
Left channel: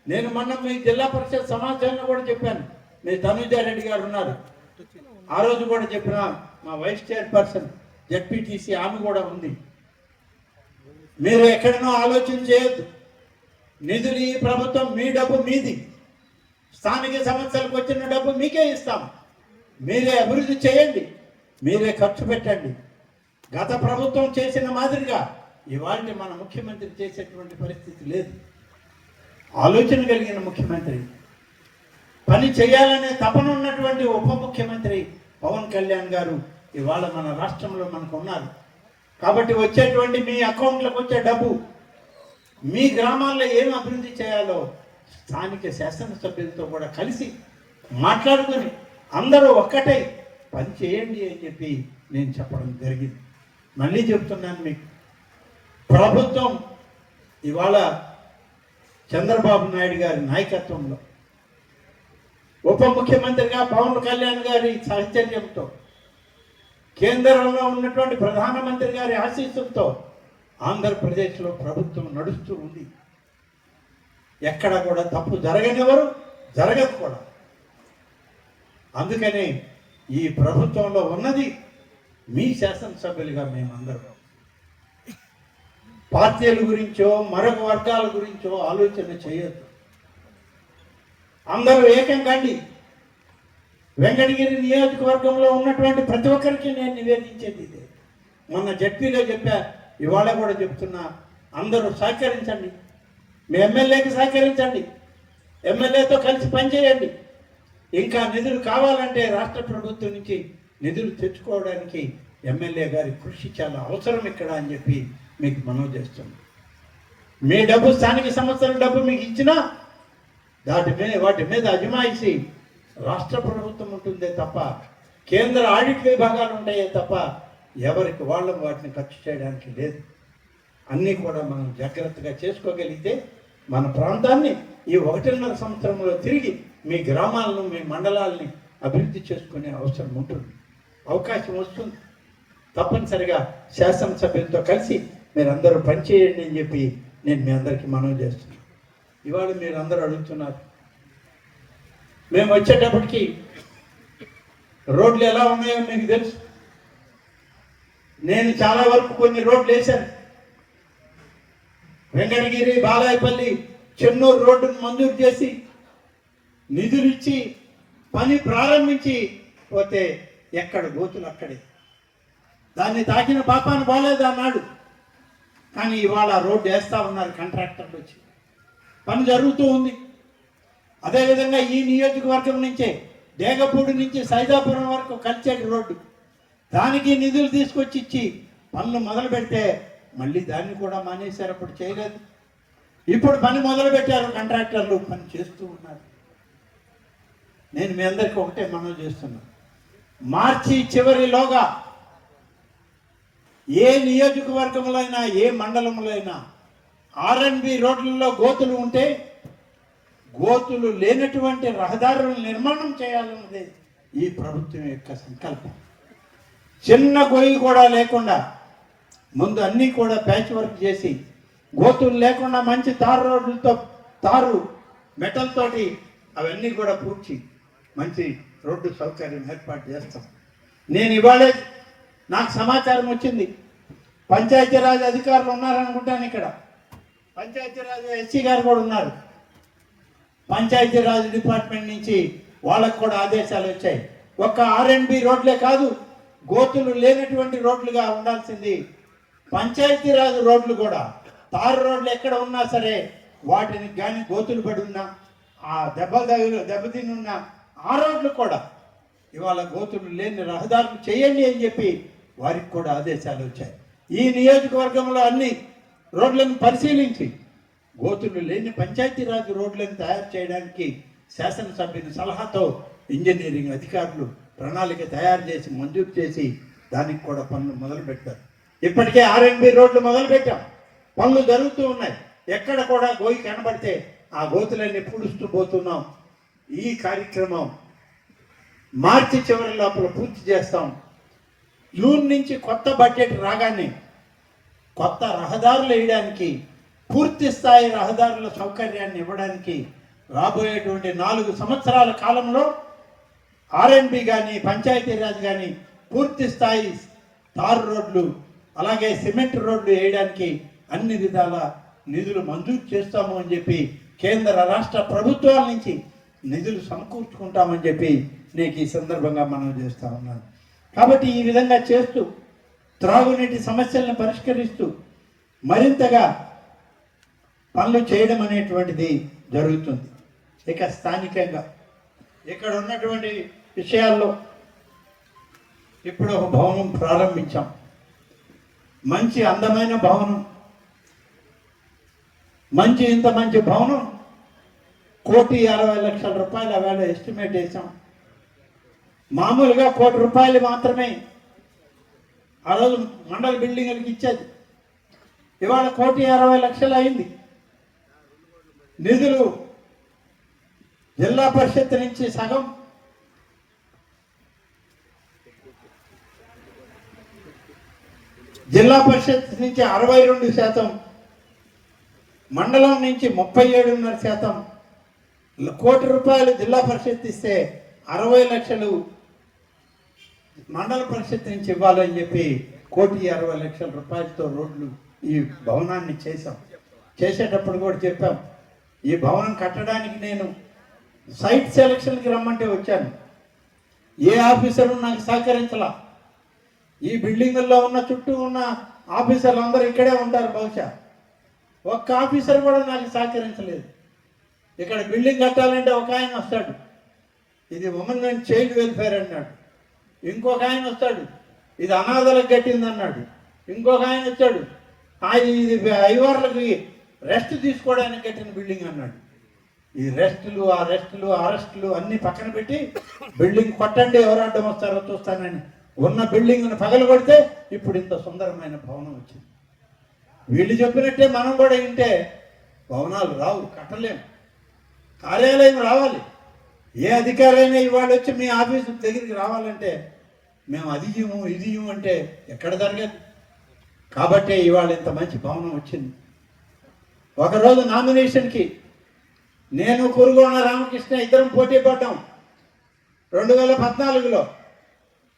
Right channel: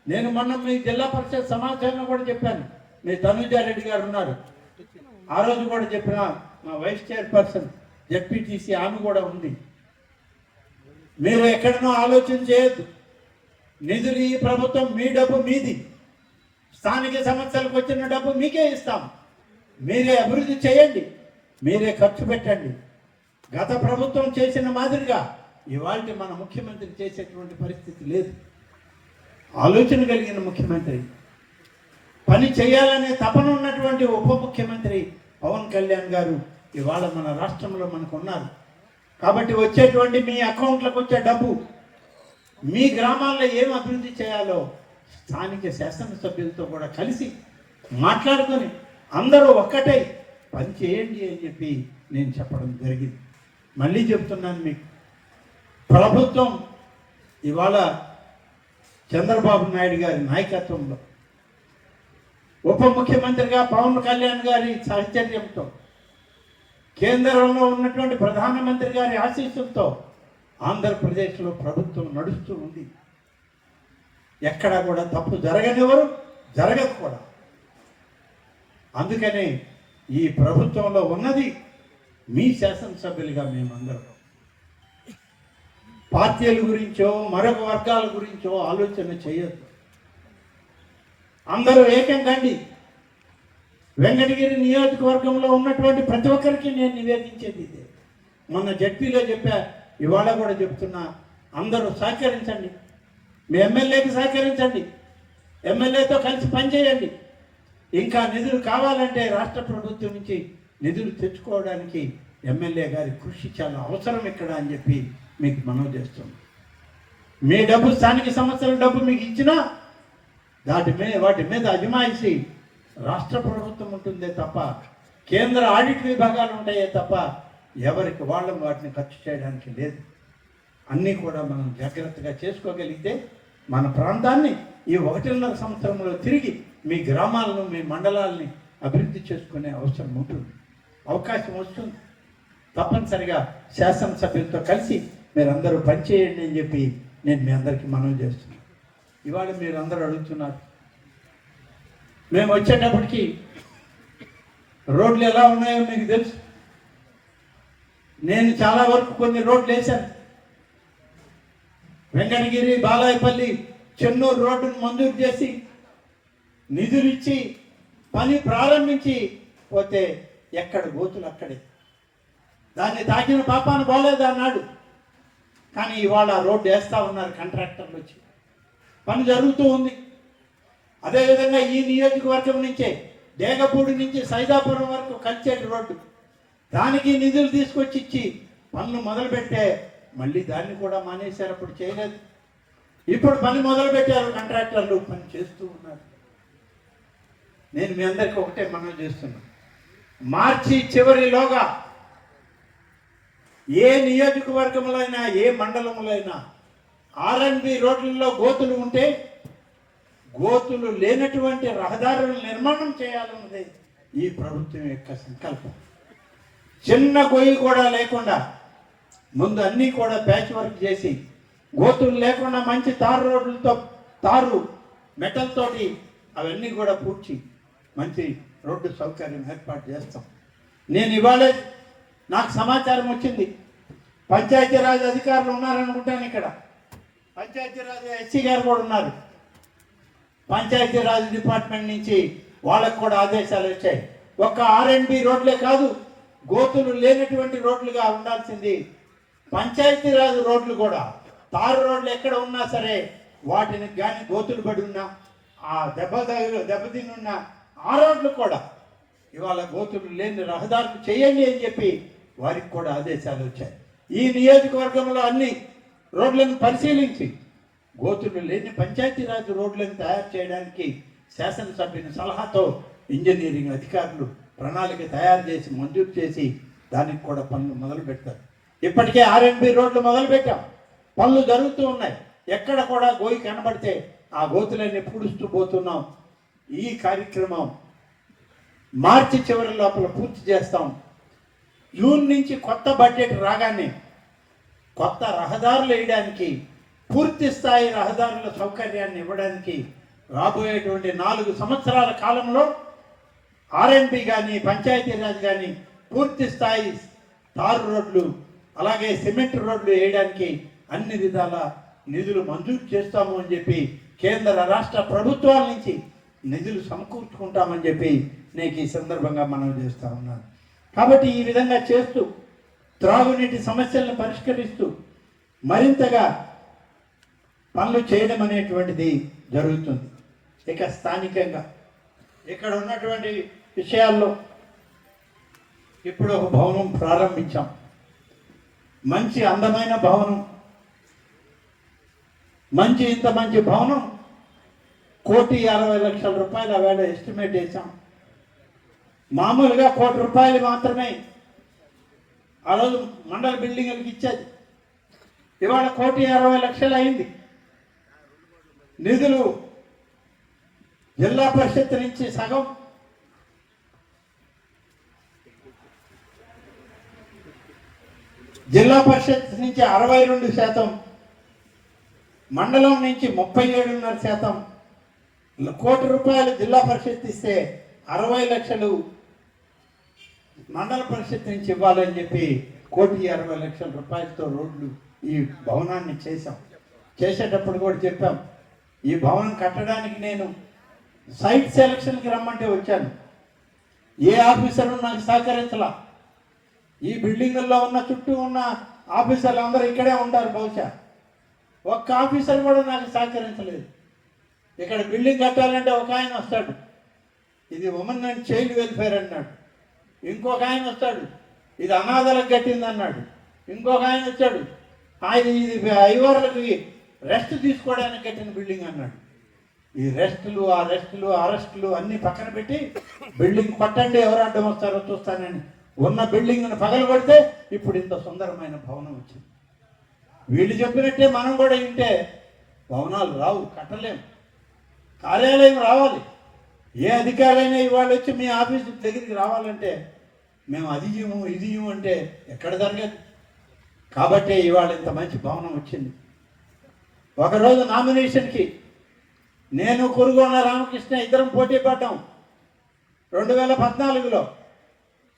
నేను మొన్న మీ జిల్లా పరిషత్ సమాచారం కూడా చెప్పాను. మీ తనుజారెడ్డి గారు ఉన్నారు, ఆ రోజు కూడా చెప్పిన మా వైస్ చైర్పర్సన్ జడ్పీటీసీ ఆమె కూడా ఉంది. మీరు ఎక్కడనో ఆలోచన చేయొద్దు. నిధులు ఈ ప్రభుత్వం, మీ డబ్బు మీది. స్థానిక సమస్యలకు వచ్చిన డబ్బు మీకే ఇస్తాం. మీరే అభివృద్ధి చేయండి, మీరే ఖర్చు పెట్టండి. గత ప్రభుత్వం చేసిన మాదిరిగా ఇవాళ మన ముఖ్యమంత్రి చేసేటువంటి పరిస్థితి లేదు. ఆలోచన కలిగిన ముఖ్యమంత్రి, పని చేయాలనే తపన ఉన్నటువంటి ఉప ముఖ్యమంత్రి పవన్ కళ్యాణ్ గారు ఇవాళ మన రాష్ట్రంలో మనకు ఉన్నారు. కాబట్టి వచ్చేటువంటి మీ అకౌంట్లకు వచ్చే డబ్బు మీ గ్రామాల్లో ఏం అభివృద్ధి చేయాలో స్థానిక శాసనసభ్యులతో కూడా కలిసి మాట్లాడుకొని అందరూ ఒక్కటై పని చేయండి అని చెప్పి నేను చెప్పడం జరిగింది. మళ్ళీ చెప్తున్నాను, మీకు ప్రభుత్వం ఇవాళ చంద్రబాబు నాయుడు గారి నాయకత్వంలో ఉప ముఖ్యమంత్రిగా పవన్ కళ్యాణ్ గారి సాహచర్యంతో, కేంద్రంలో ఉన్నటువంటి ప్రధానమంత్రి గారి ఆశీస్సులతో ఆంధ్రప్రదేశ్లో ప్రభుత్వం నడుస్తూ ఉంది. ఎక్కడ కూడా తప్పు జరగనివ్వరు, జరగదు కూడా. అందుకనే ఈ ప్రభుత్వంలో ఉన్నది మీ శాసనసభ్యులుగా మేమందరం పార్టీల గురించో మరొక వర్గాల గురించో ఆలోచన చేయొద్దు. అందరూ ఏకం కండి. వెంకటగిరి నియోజకవర్గంలో ఉన్నటువంటి ప్రతి ఒక్కరికి నేను నివేదించేది ఇదే. మొన్న జడ్పీలో చెప్పా, ఇవాళ కూడా చెప్తున్నా, అందరూ సహకరించండి. మీ ఎమ్మెల్యేకి సహకరించండి, ఎమ్మెల్యేతో కలిసి పనిచేయండి. ఇంకా నిధులు కావాలంటే రాష్ట్ర ప్రభుత్వం నుంచి నిధులు తెచ్చుకోవడానికి ఎమ్మెల్యే గారి కృషి చాలా అవసరం ఇక్కడ అని చెప్పి మీకు మనవి చేస్తున్నాం. మీ డబ్బు, స్థానిక సంస్థల డబ్బు మీకు ఇచ్చినా వాటి మీద అజమాయిషి రాష్ట్ర ప్రభుత్వం ఉంటుందే తప్ప, కేంద్ర ఆడిట్ విభాగాలు ఉంటాయే తప్ప ఎవరికి వాళ్ళం వాటిని ఖర్చు చేయడానికి లేదు. అన్నీ కూడా మనం జాగ్రత్తగా చేసుకోగలిగితే మన ప్రాంతాన్ని ఈ 1.5 సంవత్సరంలో తిరిగి మీ గ్రామాలను, మీ మండలాలని అభివృద్ధి చేసుకునే అవసరం ఉంటుంది, అవకాశం వస్తుంది. తప్పనిసరిగా శాసనసభ్యులతో కలిసి మీరందరూ పనిచేయండి అని చెప్పి నేను మీ అందరికీ మనవి చేస్తున్నాను. ఇవాళ మీరందరూ అడుగుతున్నారు, మేము వచ్చేటప్పటికి రోడ్లు ఎలా ఉన్నాయో మీకు తెలుసు. నేను చాలా వరకు కొన్ని రోడ్లు వేశాను. వెంకటగిరి, బాలాయపల్లి, చెన్నూరు రోడ్డును మంజూరు చేసి నిధులు ఇచ్చి పని ప్రారంభించి పోతే ఎక్కడ గోతులు అక్కడే. దాన్ని తాకిన పాపాన్ని బాలేదు అన్నాడు. కానీ ఇవాళ రోడ్డు వేస్తూ ఉన్నారు కాంట్రాక్టర్లు వచ్చి, పని జరుగుతూ ఉంది. అదేవిధంగా ఈ నియోజకవర్గం నుంచే డేగపూడి నుంచి సైదాపురం వరకు కలిసేటి రోడ్డు, దానికి నిధులు తీసుకొచ్చి ఇచ్చి పనులు మొదలు పెడితే మళ్ళీ దాన్ని కూడా మానేశారు. అప్పుడు చేయలేదు, ఇప్పుడు పని మొదలు పెట్టారు. కాంట్రాక్టర్లు పని చేస్తూ ఉన్నారు. నేను మీ అందరికీ ఒకటే మనం చేస్తున్నా, మార్చి చివరిలోగా ఏ నియోజకవర్గంలో అయినా ఏ మండలంలో అయినా ఆర్ఎండ్బి రోడ్లలో గోతులు ఉంటే గోతులు లేనటువంటి రహదారులను నిర్మాణం చేయాలన్నది ఈ ప్రభుత్వం యొక్క సంకల్పం. చిన్న గొయ్యి కూడా లేకుండా ముందు అన్నీ కూడా ప్యాచ్ వర్క్ చేసి గోతులు లేకుండా మంచి తారు రోడ్లతో, తారు మెటల్ తోటి అవన్నీ కూడా పూడ్చి మంచి రోడ్డు సౌకర్యం ఏర్పాటు చేస్తాం. నేను ఇవాళే నాకు సమాచారం వచ్చింది, పంచాయతీరాజ్ అధికారులు ఉన్నారనుకుంటాను ఇక్కడ, పంచాయతీరాజ్ ఎస్సీ గారు కూడా ఉన్నారు. పంచాయతీరాజ్ డిపార్ట్మెంట్ నుంచి వాళ్ళకు కూడా ఆదేశాలు వచ్చాయి. ఒక ఆర్ఎండ్బి రోడ్లే కాదు, గోతులు లేనటువంటి రోడ్లుగా ఉండాల్సింది పంచాయతీరాజ్ రోడ్లు కూడా. తారు రోడ్లు ఎక్కడ ఉన్నా సరే వాటిని కానీ గోతులు పడి ఉన్నా, ఆ దెబ్బతిని ఉన్న ఆ రోడ్లు కూడా ఇవాళ గోతులు లేని రహదారులు చేయండి అని చెప్పి వారికి కూడా ఆదేశాలు వచ్చాయి. ఈ నియోజకవర్గంలో అన్ని రోడ్లను పరిశీలించి గోతులు లేని పంచాయతీరాజ్ రోడ్లను తయారు చేయడానికి శాసనసభ్యుని సలహాతో ఇంజనీరింగ్ అధికారులు ప్రణాళిక తయారు చేసి మంజూరు చేసి దానికి కూడా పనులు మొదలు పెట్టారు. ఇప్పటికే ఆర్ఎండ్బి రోడ్లు మొదలు పెట్టాం, పనులు జరుగుతూ ఉన్నాయి. ఎక్కడ కూడా గోయి కనబడితే ఆ గోతులన్నీ పూడుస్తూ పోతున్నాం. ఈ కార్యక్రమం మార్చి చివరి లోపల పూర్తి చేస్తాం. జూన్ నుంచి కొత్త బడ్జెట్ రాగానే కొత్త రహదారులు వేయడానికి, పూర్తి స్థాయి రహదారుల సౌకర్యాన్ని ఇవ్వడానికి రాబోయేటువంటి 4 సంవత్సరాల కాలంలో ఆర్ఎండ్బి కానీ పంచాయతీరాజ్ కానీ పూర్తి స్థాయి తారు రోడ్లు అలాగే సిమెంట్ రోడ్లు వేయడానికి అన్ని విధాల నిధులు మంజూరు చేస్తాము అని చెప్పి కేంద్ర రాష్ట్ర ప్రభుత్వాల నుంచి నిధులు సమకూర్చుకుంటామని చెప్పి నేను ఈ సందర్భంగా మనం చేస్తా ఉన్నాను. కాబట్టి ఈ విధంగా చేస్తూ త్రాగునీటి సమస్యలను పరిష్కరిస్తూ మరింతగా పనులు చేయడం అనేటువంటిది జరుగుతుంది. ఇక స్థానికంగా ఇక్కడ ఉన్నటువంటి విషయాల్లో ఇప్పుడు ఒక భవనం ప్రారంభించాం, మంచి అందమైన భవనం. ఇంత మంచి భవనం 1,60,00,000 రూపాయలు వేళ ఎస్టిమేట్ చేశాం. మామూలుగా 1,00,00,000 రూపాయలు మాత్రమే ఆ రోజు మండల బిల్డింగ్లకు ఇచ్చేది. ఇవాళ 1,60,00,000 అయింది. నిధులు జిల్లా పరిషత్ నుంచి సగం, జిల్లా పరిషత్ నుంచి 62%, మండలం నుంచి 37.5%. 1,00,00,000 రూపాయలు జిల్లా పరిషత్ ఇస్తే 60 లక్షలు మండల పరిషత్ నుంచి ఇవ్వాలని చెప్పి 1,60,00,000 రూపాయలతో రోడ్లు ఈ భవనాన్ని చేశాం. చేసేటప్పుడు కూడా చెప్పాం, ఈ భవనం కట్టడానికి నేను సైట్ సెలక్షన్కి రమ్మంటే వచ్చాను. ఏ ఆఫీసరు నాకు సహకరించలా. ఈ బిల్డింగుల్లో ఉన్న చుట్టూ ఉన్న ఆఫీసర్లు అందరూ ఇక్కడే ఉంటారు. బహుశా ఒక్క ఆఫీసర్ కూడా నాకు సహకరించలేదు. ఇక్కడ బిల్డింగ్ కట్టాలంటే ఒక ఆయన వస్తాడు, ఇది ఉమెన్ అండ్ చైల్డ్ వెల్ఫేర్ అన్నాడు. ఇంకొక ఆయన వస్తాడు, ఇది అనాథలకు కట్టింది అన్నాడు. ఇంకొక ఆయన వచ్చాడు, ఇది ఐవార్లకి రెస్ట్ తీసుకోవడానికి కట్టిన బిల్డింగ్ అన్నాడు. ఈ అరెస్టులు అన్ని పక్కన పెట్టి బిల్డింగ్ కొట్టండి, ఎవరు అడ్డం వస్తారో చూస్తానని ఉన్న బిల్డింగ్ను పగలు కొడితే ఇప్పుడు ఇంత సుందరమైన భవనం వచ్చింది. వీళ్ళు చెప్పినట్టే మనం కూడా వింటే భవనాలు రావు, కట్టలేము. కార్యాలయం రావాలి. ఏ అధికారైనా ఇవాళ వచ్చి మీ ఆఫీసు దగ్గరికి రావాలంటే మేము అది ఇవ్వము అంటే ఎక్కడ జరగదు. కాబట్టి ఇవాళ ఇంత మంచి భవనం వచ్చింది. ఒకరోజు నామినేషన్కి నేను కురుగొండ రామకృష్ణ ఇద్దరం పోటీ పడ్డాం 2014లో.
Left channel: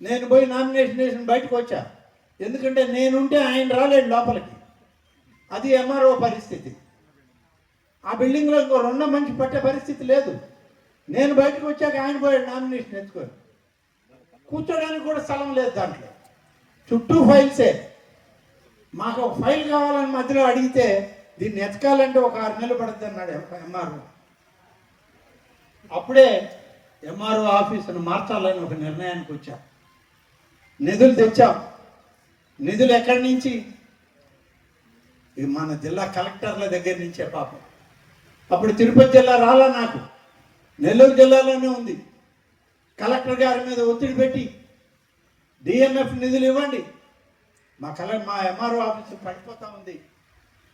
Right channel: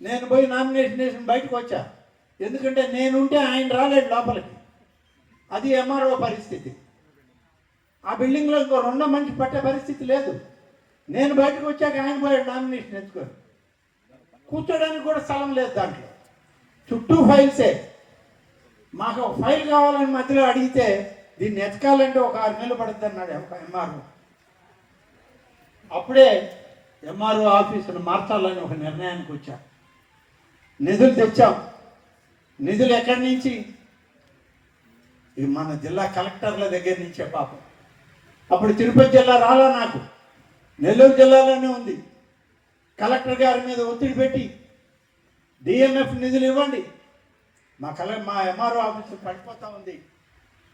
నేను పోయి నామినేషన్ వేసి బయటకు వచ్చా. ఎందుకంటే నేనుంటే ఆయన రాలేడు లోపలికి. అది ఎంఆర్ఓ పరిస్థితి. ఆ బిల్డింగ్లో ఇంకో రెండో మంచి పట్టే పరిస్థితి లేదు. నేను బయటకు వచ్చాక ఆయన పోయాడు నామినేషన్ ఎత్తుకొని. కూర్చోడానికి కూడా స్థలం లేదు దాంట్లో, చుట్టూ ఫైల్సే. మాకు ఒక ఫైల్ కావాలని మధ్యలో అడిగితే దీన్ని ఎతకాలంటే ఒక 6 నెలలు పడుతుంది అన్నాడు ఎంఆర్ఓ. అప్పుడే ఎంఆర్ఓ ఆఫీసును మార్చాలని ఒక నిర్ణయానికి వచ్చాం. నిధులు తెచ్చాం. నిధులు ఎక్కడి నుంచి? మన జిల్లా కలెక్టర్ల దగ్గర నుంచే పాపం. అప్పుడు తిరుపతి జిల్లా రాలా, నాకు నెల్లూరు జిల్లాలోనే ఉంది. కలెక్టర్ గారి మీద ఒత్తిడి పెట్టి డిఎంఎఫ్ నిధులు ఇవ్వండి, మా ఎంఆర్ఓ ఆఫీసు పడిపోతా ఉంది,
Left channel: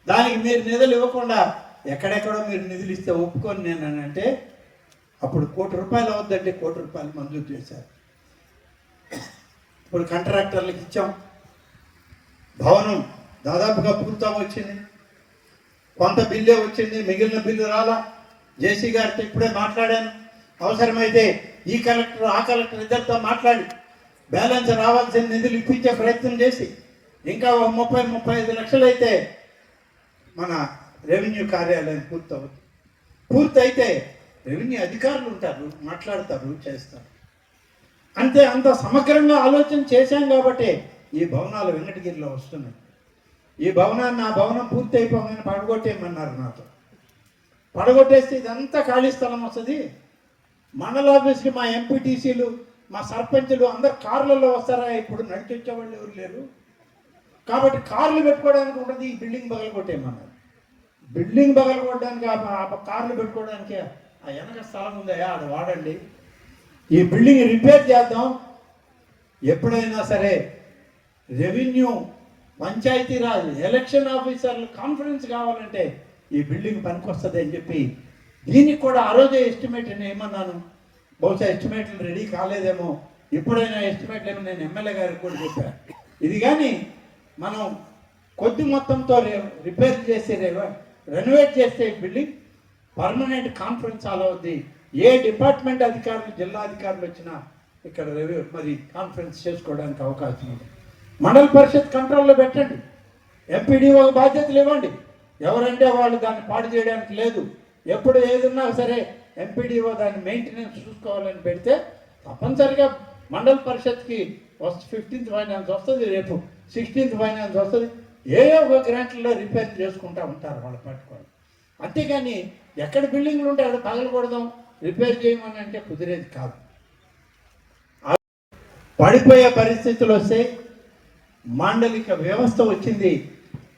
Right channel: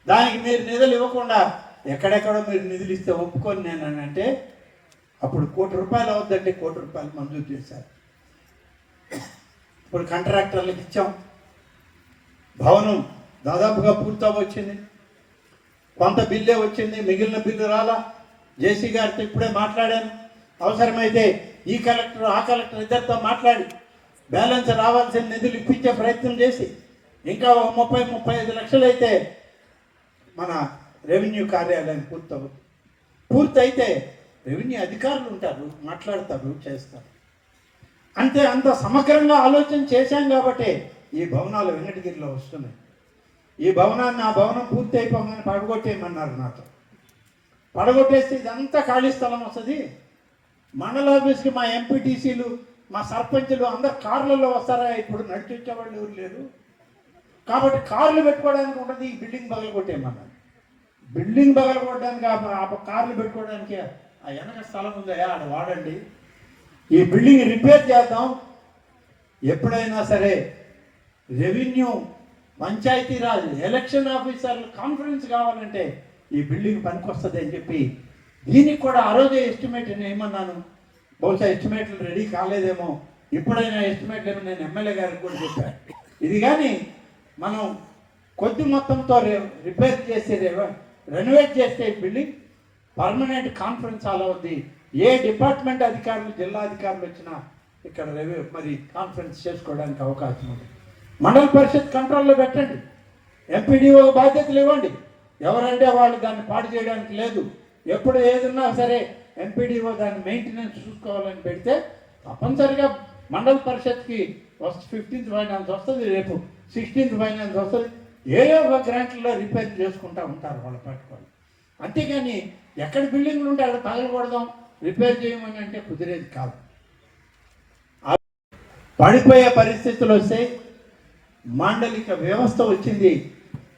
దానికి మీరు నిధులు ఇవ్వకుండా ఎక్కడెక్కడో మీరు నిధులు ఇస్తే ఒప్పుకొని నేనంటే అప్పుడు ₹1 కోటి అవద్దంటే ₹1 కోటి మంజూరు చేశారు. ఇప్పుడు కాంట్రాక్టర్లకు ఇచ్చాం. భవనం దాదాపుగా పూర్తి వచ్చింది. కొంత బిల్లే వచ్చింది, మిగిలిన బిల్లు రాలా. జేసీ గారితో ఇప్పుడే మాట్లాడాను. అవసరమైతే ఈ కలెక్టర్ ఆ కలెక్టర్ ఇద్దరితో మాట్లాడి బ్యాలెన్స్ రావాల్సిన నిధులు ఇప్పించే ప్రయత్నం చేసి ఇంకా 30-35 లక్షలు అయితే మన రెవెన్యూ కార్యాలయం పూర్తవుతుంది. పూర్తయితే రెవెన్యూ అధికారులు ఉంటారు, మాట్లాడతారు, చేస్తారు. అంత సమగ్రంగా ఆలోచన చేశాం కాబట్టి ఈ భవనాలు వెంకటగిరిలో వస్తున్నాయి. ఈ భవనాన్ని, ఆ భవనం పూర్తి అయిపోగానే పడగొట్టేయమన్నారు నాతో. పడగొట్టేస్తే ఇదంతా ఖాళీ స్థలం వస్తుంది. మండల ఆఫీస్కి మా ఎంపీటీసీలు, మా సర్పంచులు అందరు కార్లలో వస్తారా? ఇప్పుడు నడిచి వచ్చేవాళ్ళు ఎవరు లేరు కాబట్టి కార్లు పెట్టుకోవడానికి ఉంటుంది. ఈ బిల్డింగ్ పగలగొట్టేయమన్నారు. బిల్డింగ్ పగలగొట్టడానికి ఆ కార్లు పెట్టుకోవడానికి ఆ వెనక స్థలం ఉందా, ఆడ వాడండి. ఈ బిల్డింగ్ రిపేర్ చేద్దాం. ఎప్పుడైనా సరే రెవెన్యూ, పంచాయతీరాజ్, ఎలక్షన్ ఆఫీసర్లు కాన్ఫరెన్స్ కావాలంటే ఈ బిల్డింగ్ పనికొస్తుంది అని చెప్పి దీనికి కూడా ఆ రోజే ఎస్టిమేట్ ఏమన్నాను. బహుశా ఎస్టిమేట్లు రెడీ కాలేదేమో, ఇప్పుడైనా ఎస్టిమేట్లు ఏమో నేను ఎమ్మెల్యే గారికి కూడా చెప్పాను. ఇది కానీ మనం కొద్ది మొత్తంతో రిపేర్ చేసి రెనోవేట్ చేస్తే బిల్డింగ్ పర్మనెంట్ కాన్ఫరెన్స్ హాల్ అవుద్ది. ఏ డిపార్ట్మెంట్ అధికారులు, జిల్లా అధికారులు వచ్చినా ఇక్కడ మరి కాన్ఫరెన్స్ చేసుకోవడానికి అవకాశం ఉంది. మండల పరిషత్ కంట్రోల్లో పెట్టండి. ఎంపీడీఓ బాధ్యతలు ఇవ్వండి. ఎవరంటే వాళ్ళు దాన్ని పాడు చేయడానికి లేదు. ఎప్పుడు ఏదన్నా సరే ఎంపీడీఓ దాన్ని మెయింటెనెన్స్ చూసుకోవాలని పెడితే తప్పనిసరిగా మండల పరిషత్కి 15th ఫైనాన్స్ వస్తుంది, రేపు 16th ఫైనాన్స్ వస్తుంది. ఏదో ఒక గ్రాంట్లలో రిపేర్ చేసుకుంటూ ఉంటారు వాళ్ళ పట్టుకోవాలి. అంతేగాని ఎక్కడ బిల్డింగ్లు ఉంటే అక్కడ పగలకూడదాం, రిపేర్ చేయమని అంటే కుదిరేది కాదు. పడిపోయే పరిస్థితులు వస్తే మాండలిక వ్యవస్థ వచ్చింది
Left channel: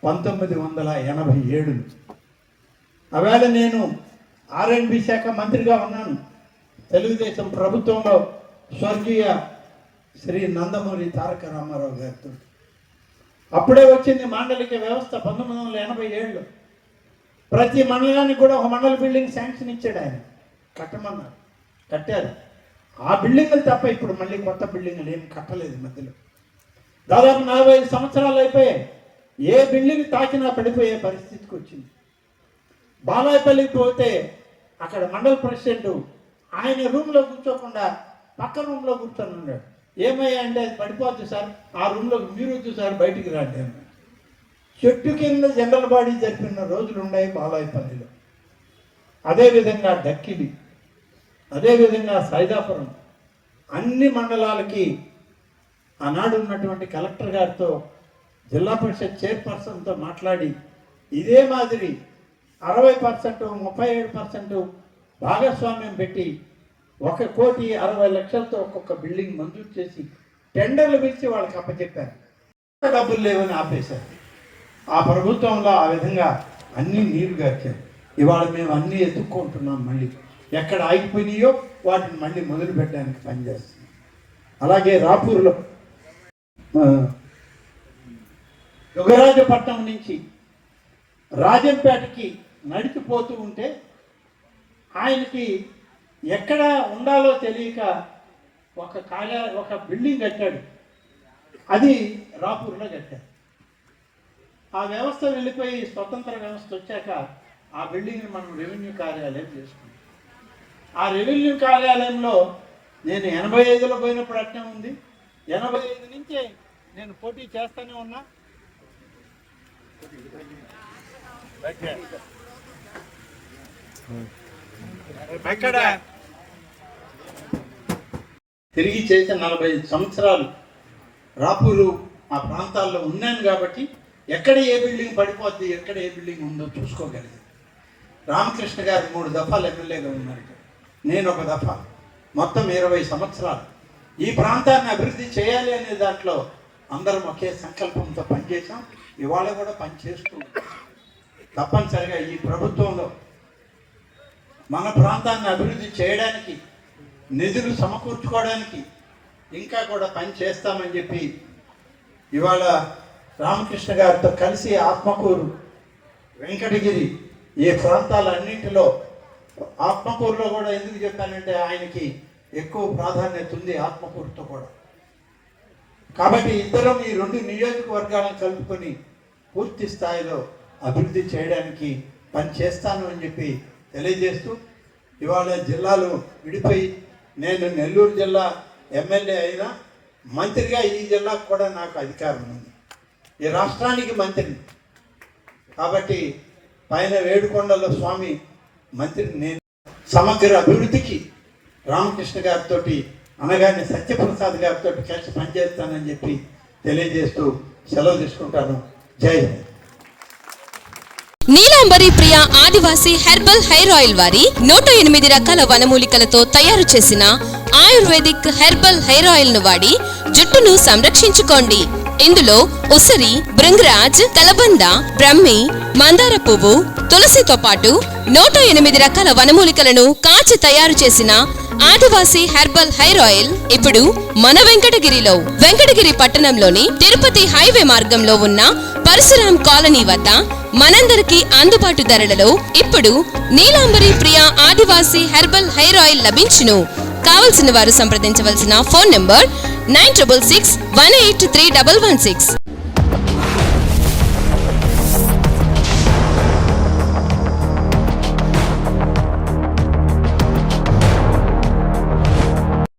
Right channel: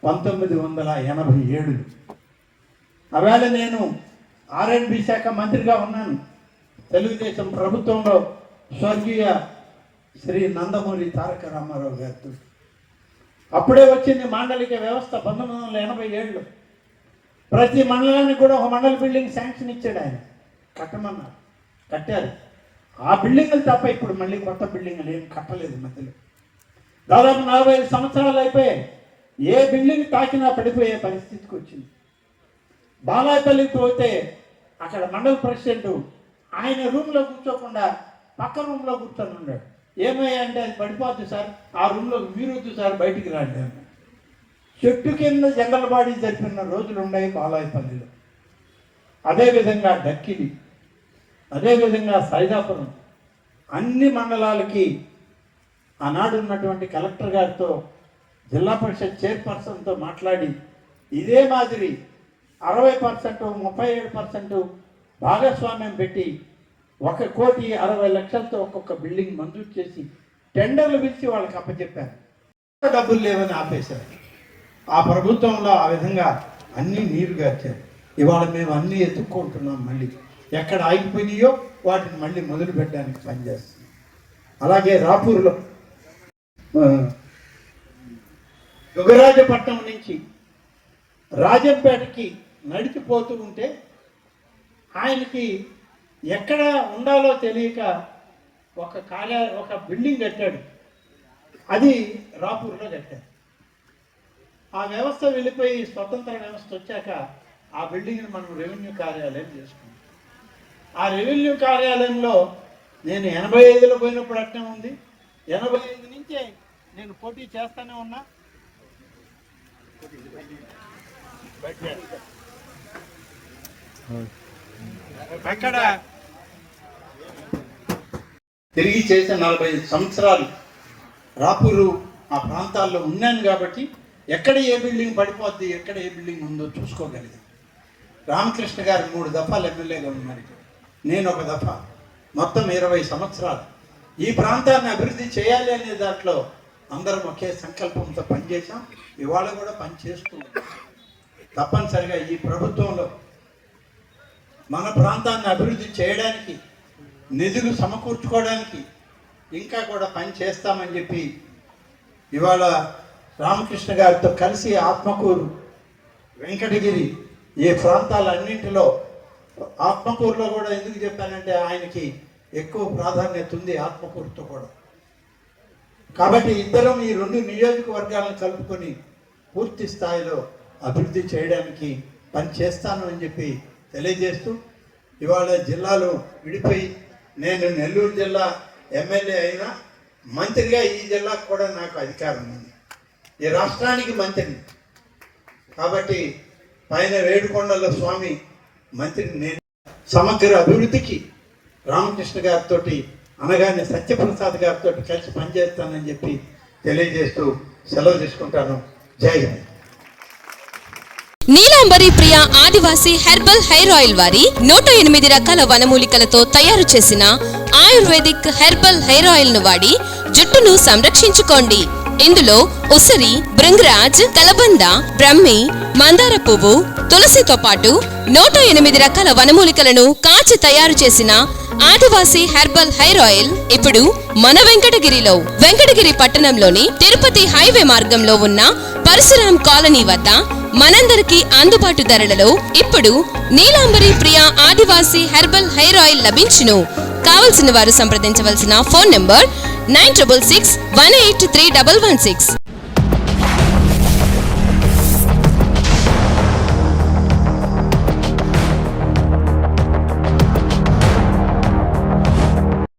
1987. ఆవేళ నేను R&B శాఖ మంత్రిగా ఉన్నాను. తెలుగుదేశం ప్రభుత్వంలో స్వర్గీయ శ్రీ నందమూరి తారక రామారావు గారితో అప్పుడే వచ్చింది మాండలిక వ్యవస్థ 1987లో. ప్రతి మండలానికి కూడా ఒక మండల బిల్డింగ్ శాంక్షన్ ఇచ్చాడు ఆయన, కట్టమన్నారు, కట్టారు. ఆ బిల్డింగులు తప్ప ఇప్పుడు మళ్ళీ కొత్త బిల్డింగులు ఏం కట్టలేదు. మధ్యలో దాదాపు 45 సంవత్సరాలు అయిపోయాయి. ఏ బిల్డింగ్ తాకినా పడిపోయే పరిస్థితికి వచ్చింది. బాలాయపల్లికి పోతే అక్కడ మండల ప్రెసిడెంట్ ఆయన రూమ్లో కూర్చోకుండా పక్క రూమ్లో కూర్చొని ఉన్నాడు. ఏమయ్యా అంటే అది పడిపోద్ది సార్, ఆ రూమ్లో మీరు వద్దు సార్, బయటికి రాండి అని. చెట్టు కింద జనరల్ బాడీ జరిపిన రోజులు ఉన్నాయి బాలాయపల్లిలో. అదేవిధంగా దక్కిలి, అదేవిధంగా సైదాపురం, అన్ని మండలాలకి ఆనాడు ఉన్నటువంటి కలెక్టర్ గారితో, జిల్లా పరిషత్ చైర్పర్సన్తో మాట్లాడి ఇదే మాదిరి 60%, 37% భాగస్వామ్యం పెట్టి 1,60,00,000తో ఒక్కొక్క బిల్డింగ్ మంజూరు చేసి టెండర్లు పిలిచి వాళ్ళకి అప్పచెప్పారు. డబ్బులు లేవని ఆపేశారు. ఆ ప్రభుత్వంలో ఆ విధంగా అన్నీ నీరు గార్చారు. ఇవాళ మేము అన్నీ ఎత్తుక్కుంటున్నాం. మళ్ళీ ఎక్కడ ఆగిపోయినాయో వాటిని మళ్ళీ మొదలు పెట్టడానికి పనిచేస్తున్నాం. అలాగే రాపూర్లో యుగరాజపట్నం నుంచి రాజంపేటకి నడిచిపోతూ ఉంటే ఆయనకి ఎక్కడ ఉండాలో తెలియక ఒక బిల్డింగ్ కట్టాడు. అది రాపూర్లో కట్టారు. ఆ వ్యవస్థ వెళ్ళిపోయి స్వతంత్ర వ్యవస్థ వచ్చాక ఆ బిల్డింగ్ని మనం రెవెన్యూ కార్యాలయం చేసుకున్నాం. ఆ రెవెన్యూ కార్యాలయంలో నేను 85లో పోయినప్పుడు అట్నే ఉంది. 85 నుంచే నేను పోటీ చేస్తూనే ఉన్నా. అక్కడ తిరిగి చేసిన 45 సంవత్సరాలు రాపూరు ఆ ప్రాంతాల్లో ఉన్నాను కాబట్టి ఎక్కడ ఏ బిల్డింగ్ పడిపోద్ది, ఎక్కడ ఏ బిల్డింగ్ ఉందో చూసుకోగలిగింది. రామకృష్ణ గారు 3 దఫాలు ఎమ్మెల్యేగా ఉన్నారు, నేను ఒక దఫా. మొత్తం 20 సంవత్సరాలు ఈ ప్రాంతాన్ని అభివృద్ధి చేయాలి అనే దాంట్లో అందరం ఒకే సంకల్పంతో పనిచేసాం. ఇవాళ కూడా పనిచేస్తూ తప్పనిసరిగా ఈ ప్రభుత్వంలో మన ప్రాంతాన్ని అభివృద్ధి చేయడానికి, నిధులు సమకూర్చుకోవడానికి ఇంకా కూడా పని చేస్తామని చెప్పి ఇవాళ రామకృష్ణ గారితో కలిసి ఆత్మకూరు, వెంకటగిరి ఈ ప్రాంతాలన్నింటిలో, ఆత్మకూరులో కూడా ఎందుకు చెప్పానంటే ఆయనకి ఎక్కువ ప్రాధాన్యత ఉంది ఆత్మకూరుతో కూడా. కాబట్టి ఇద్దరం ఈ 2 నియోజకవర్గాలను కలుపుకొని పూర్తి స్థాయిలో అభివృద్ధి చేయడానికి పని చేస్తాను అని చెప్పి తెలియజేస్తూ, ఇవాళ జిల్లాలో విడిపోయి నేను నెల్లూరు జిల్లా ఎమ్మెల్యే అయినా మంత్రిగా ఈ జిల్లాకు కూడా నాకు అధికారం ఉంది, ఈ రాష్ట్రానికి మంత్రిని. కాబట్టి పైన వేడుకొండల స్వామి మంత్రిని నేను. సమగ్ర అభివృద్ధికి రామకృష్ణ గారితో అనగానే సత్యప్రసాద్ గారితో కలిసి పనిచేస్తానని చెప్పి తెలియజేస్తూ సెలవు తీసుకుంటాను. జై హింద్. నీలాంబరి ప్రియ ఆదివాసీ హెర్బల్ హెయిర్ ఆయిల్ వారి 108 రకాల వనమూలికలతో తయారు చేసిన ఆయుర్వేదిక్ హెర్బల్ హెయిర్ ఆయిల్ ను వాడి జుట్టును సంరక్షించుకోండి. ఇందులో ఉసిరి, భృంగరాజ్, కలబంద, బ్రహ్మి, మందార పువ్వు, తులసితో పాటు 108 రకాల వనమూలికలను కాచి తయారు చేసిన ఆదివాసీ హెర్బల్ హెయిర్ ఆయిల్ ఇప్పుడు మన వెంకటగిరి పట్టణంలోని తిరుపతి హైవే మార్గంలో ఉన్న పరశురాం కాలనీ వద్ద మనందరికీ అందుబాటు ధరలలో ఇప్పుడు నీలాంబరి ప్రియ ఆదివాసీ హెర్బల్ హెయిర్ ఆయిల్ లభించును. కావలసిన వారు సంప్రదించవలసిన ఫోన్ నంబర్ 9661831116.